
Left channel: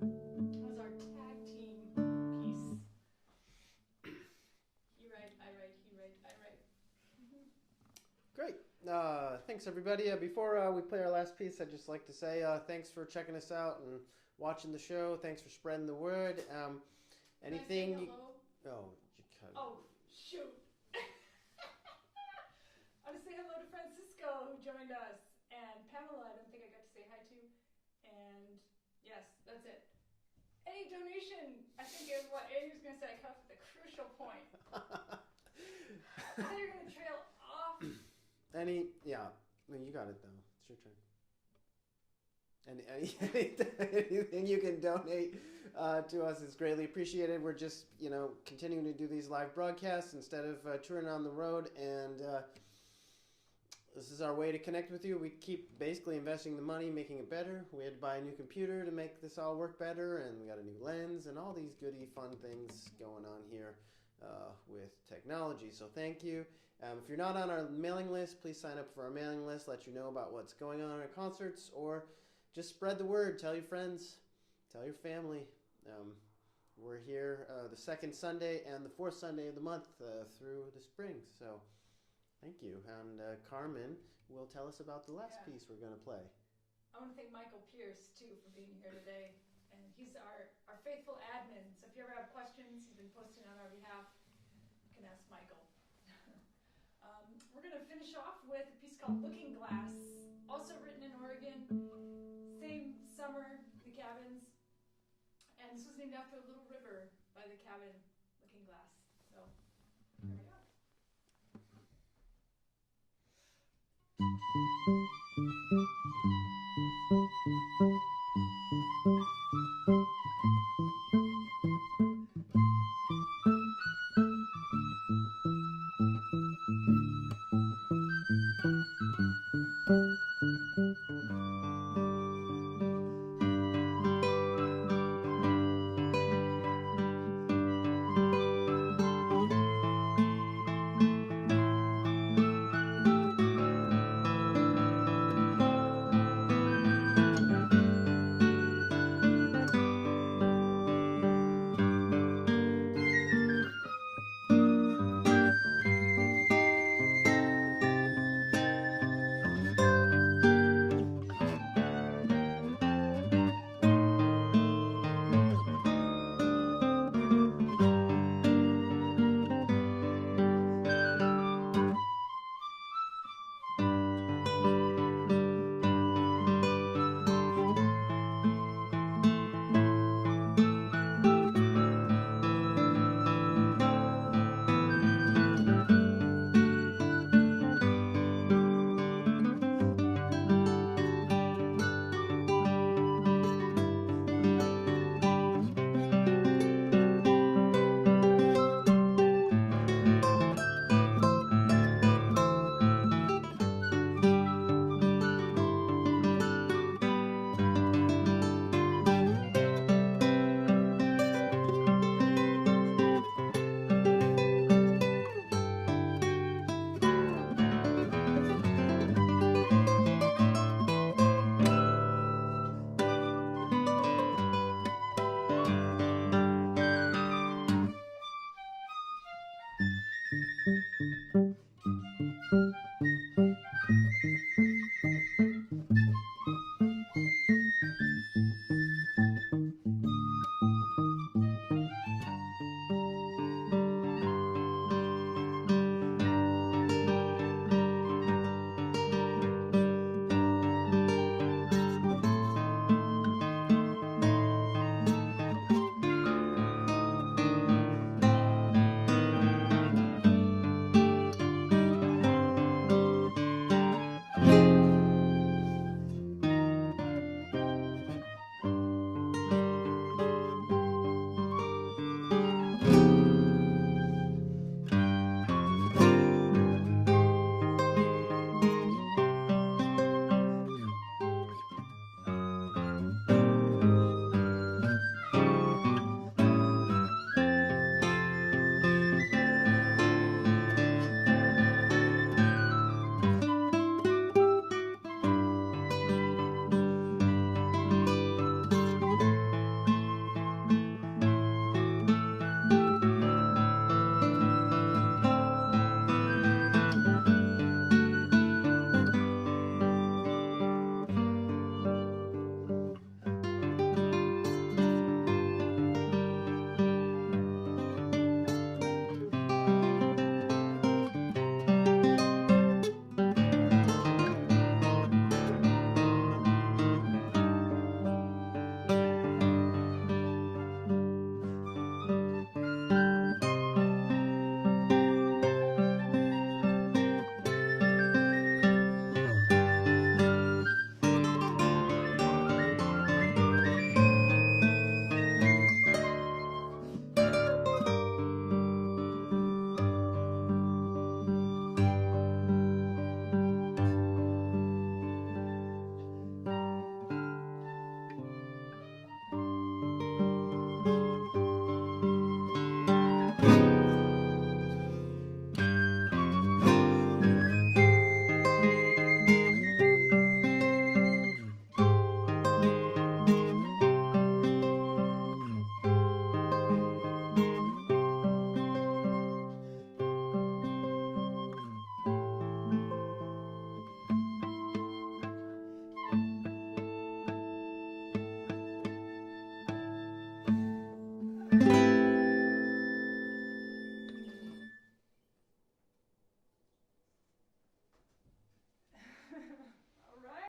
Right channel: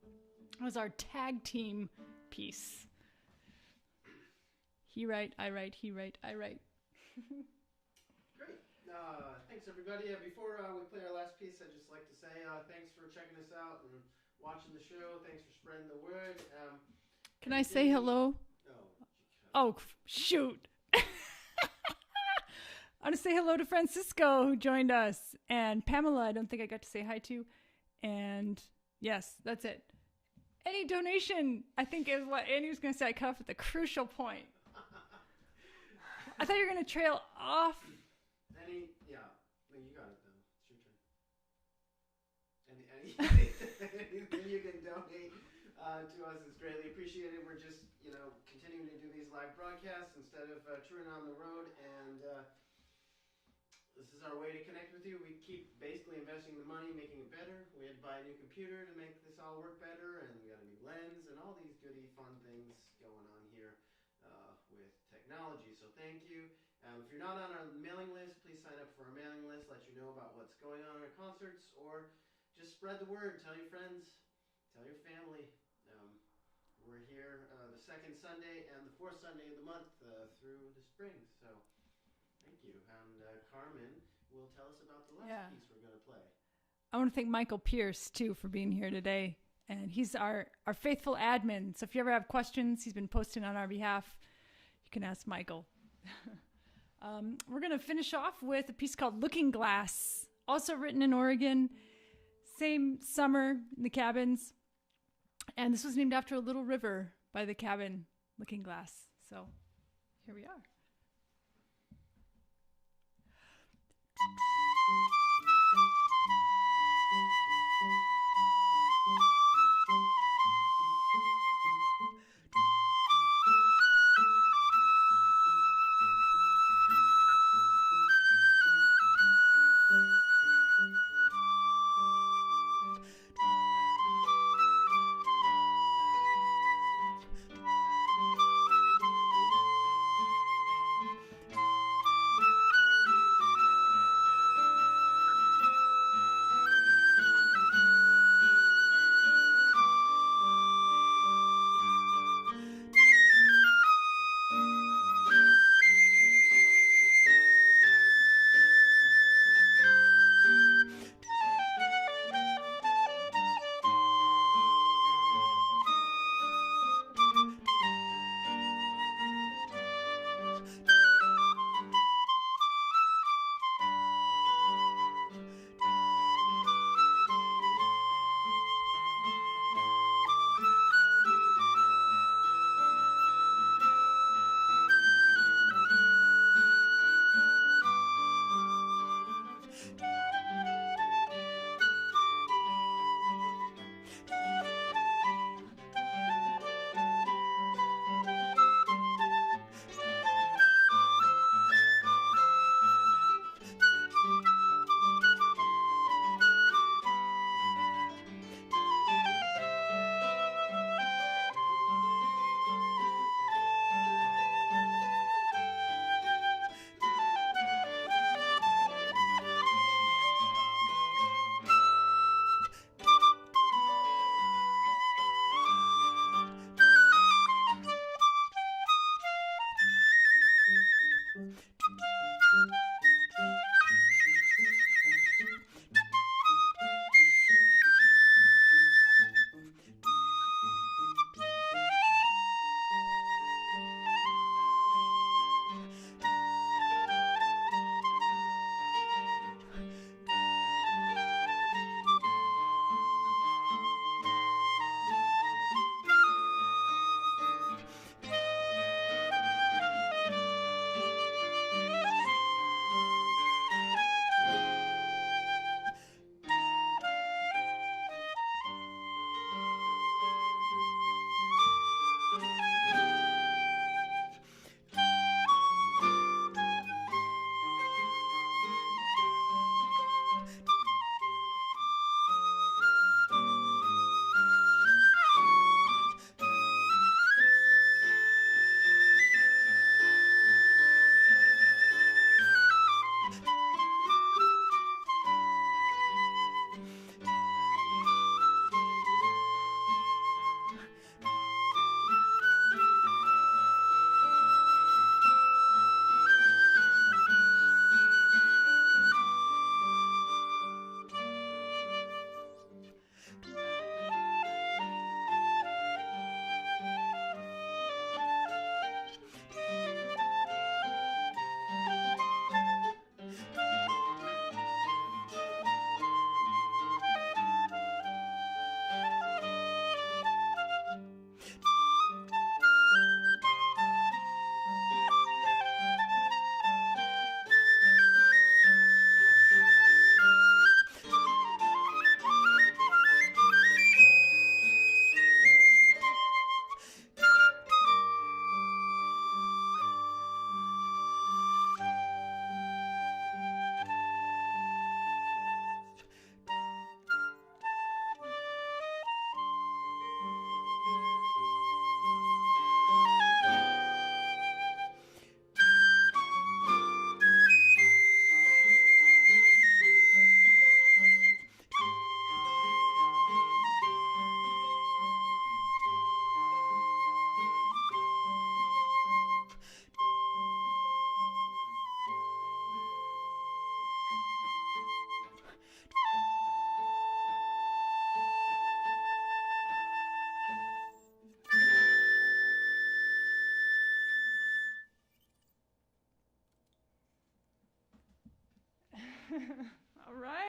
It was our tag team piece. He write, I write, he write, I write. Great. Thanks, everybody. Before we play our last piece, I'd just like to say thanks for checking us out and watching the show. Thanks for spreading the word. Can I say hello? Oh, shoot. I want to say hello to Francisco, who joined us, and Pamela, I don't think I got to say hi to. And yes, that's it. Any donation, I think, is what Andy was going to say. I cut off at the crucial point. I thought you were going to trail off. Yeah. No, you got it, though. It's your turn. Anything you can donate to us is greatly appreciated. We're just, continuing to do these live broadcasts instead of touring on the road, and this is our way to connect with you. We keep basically investing the money, making it better. We had to buy a new computer to make this all work better, and we got a new lens and all these goody fun things going on here with technology. So thank you. If you're not on our mailing list, please sign up for our mailing list, let you know about what's going on at our concerts, or just spread the word. Tell your friends, tell your family. We're here the second Sunday and the fourth Sunday of the month through the spring. So thank you. And Carmen will tell us about the last piece we're going to play. I want to thank Michael Pierce, too, for being here today. And he's our faithful admin. So if you ever have questions, he's been posting on our behalf. You can ask Michael. We're going to finish off with a piece called Looking Glass, also written in Oregon. Same summer in the cabins. And this was named after a little river by the cabin, Looking Glass. So here we are.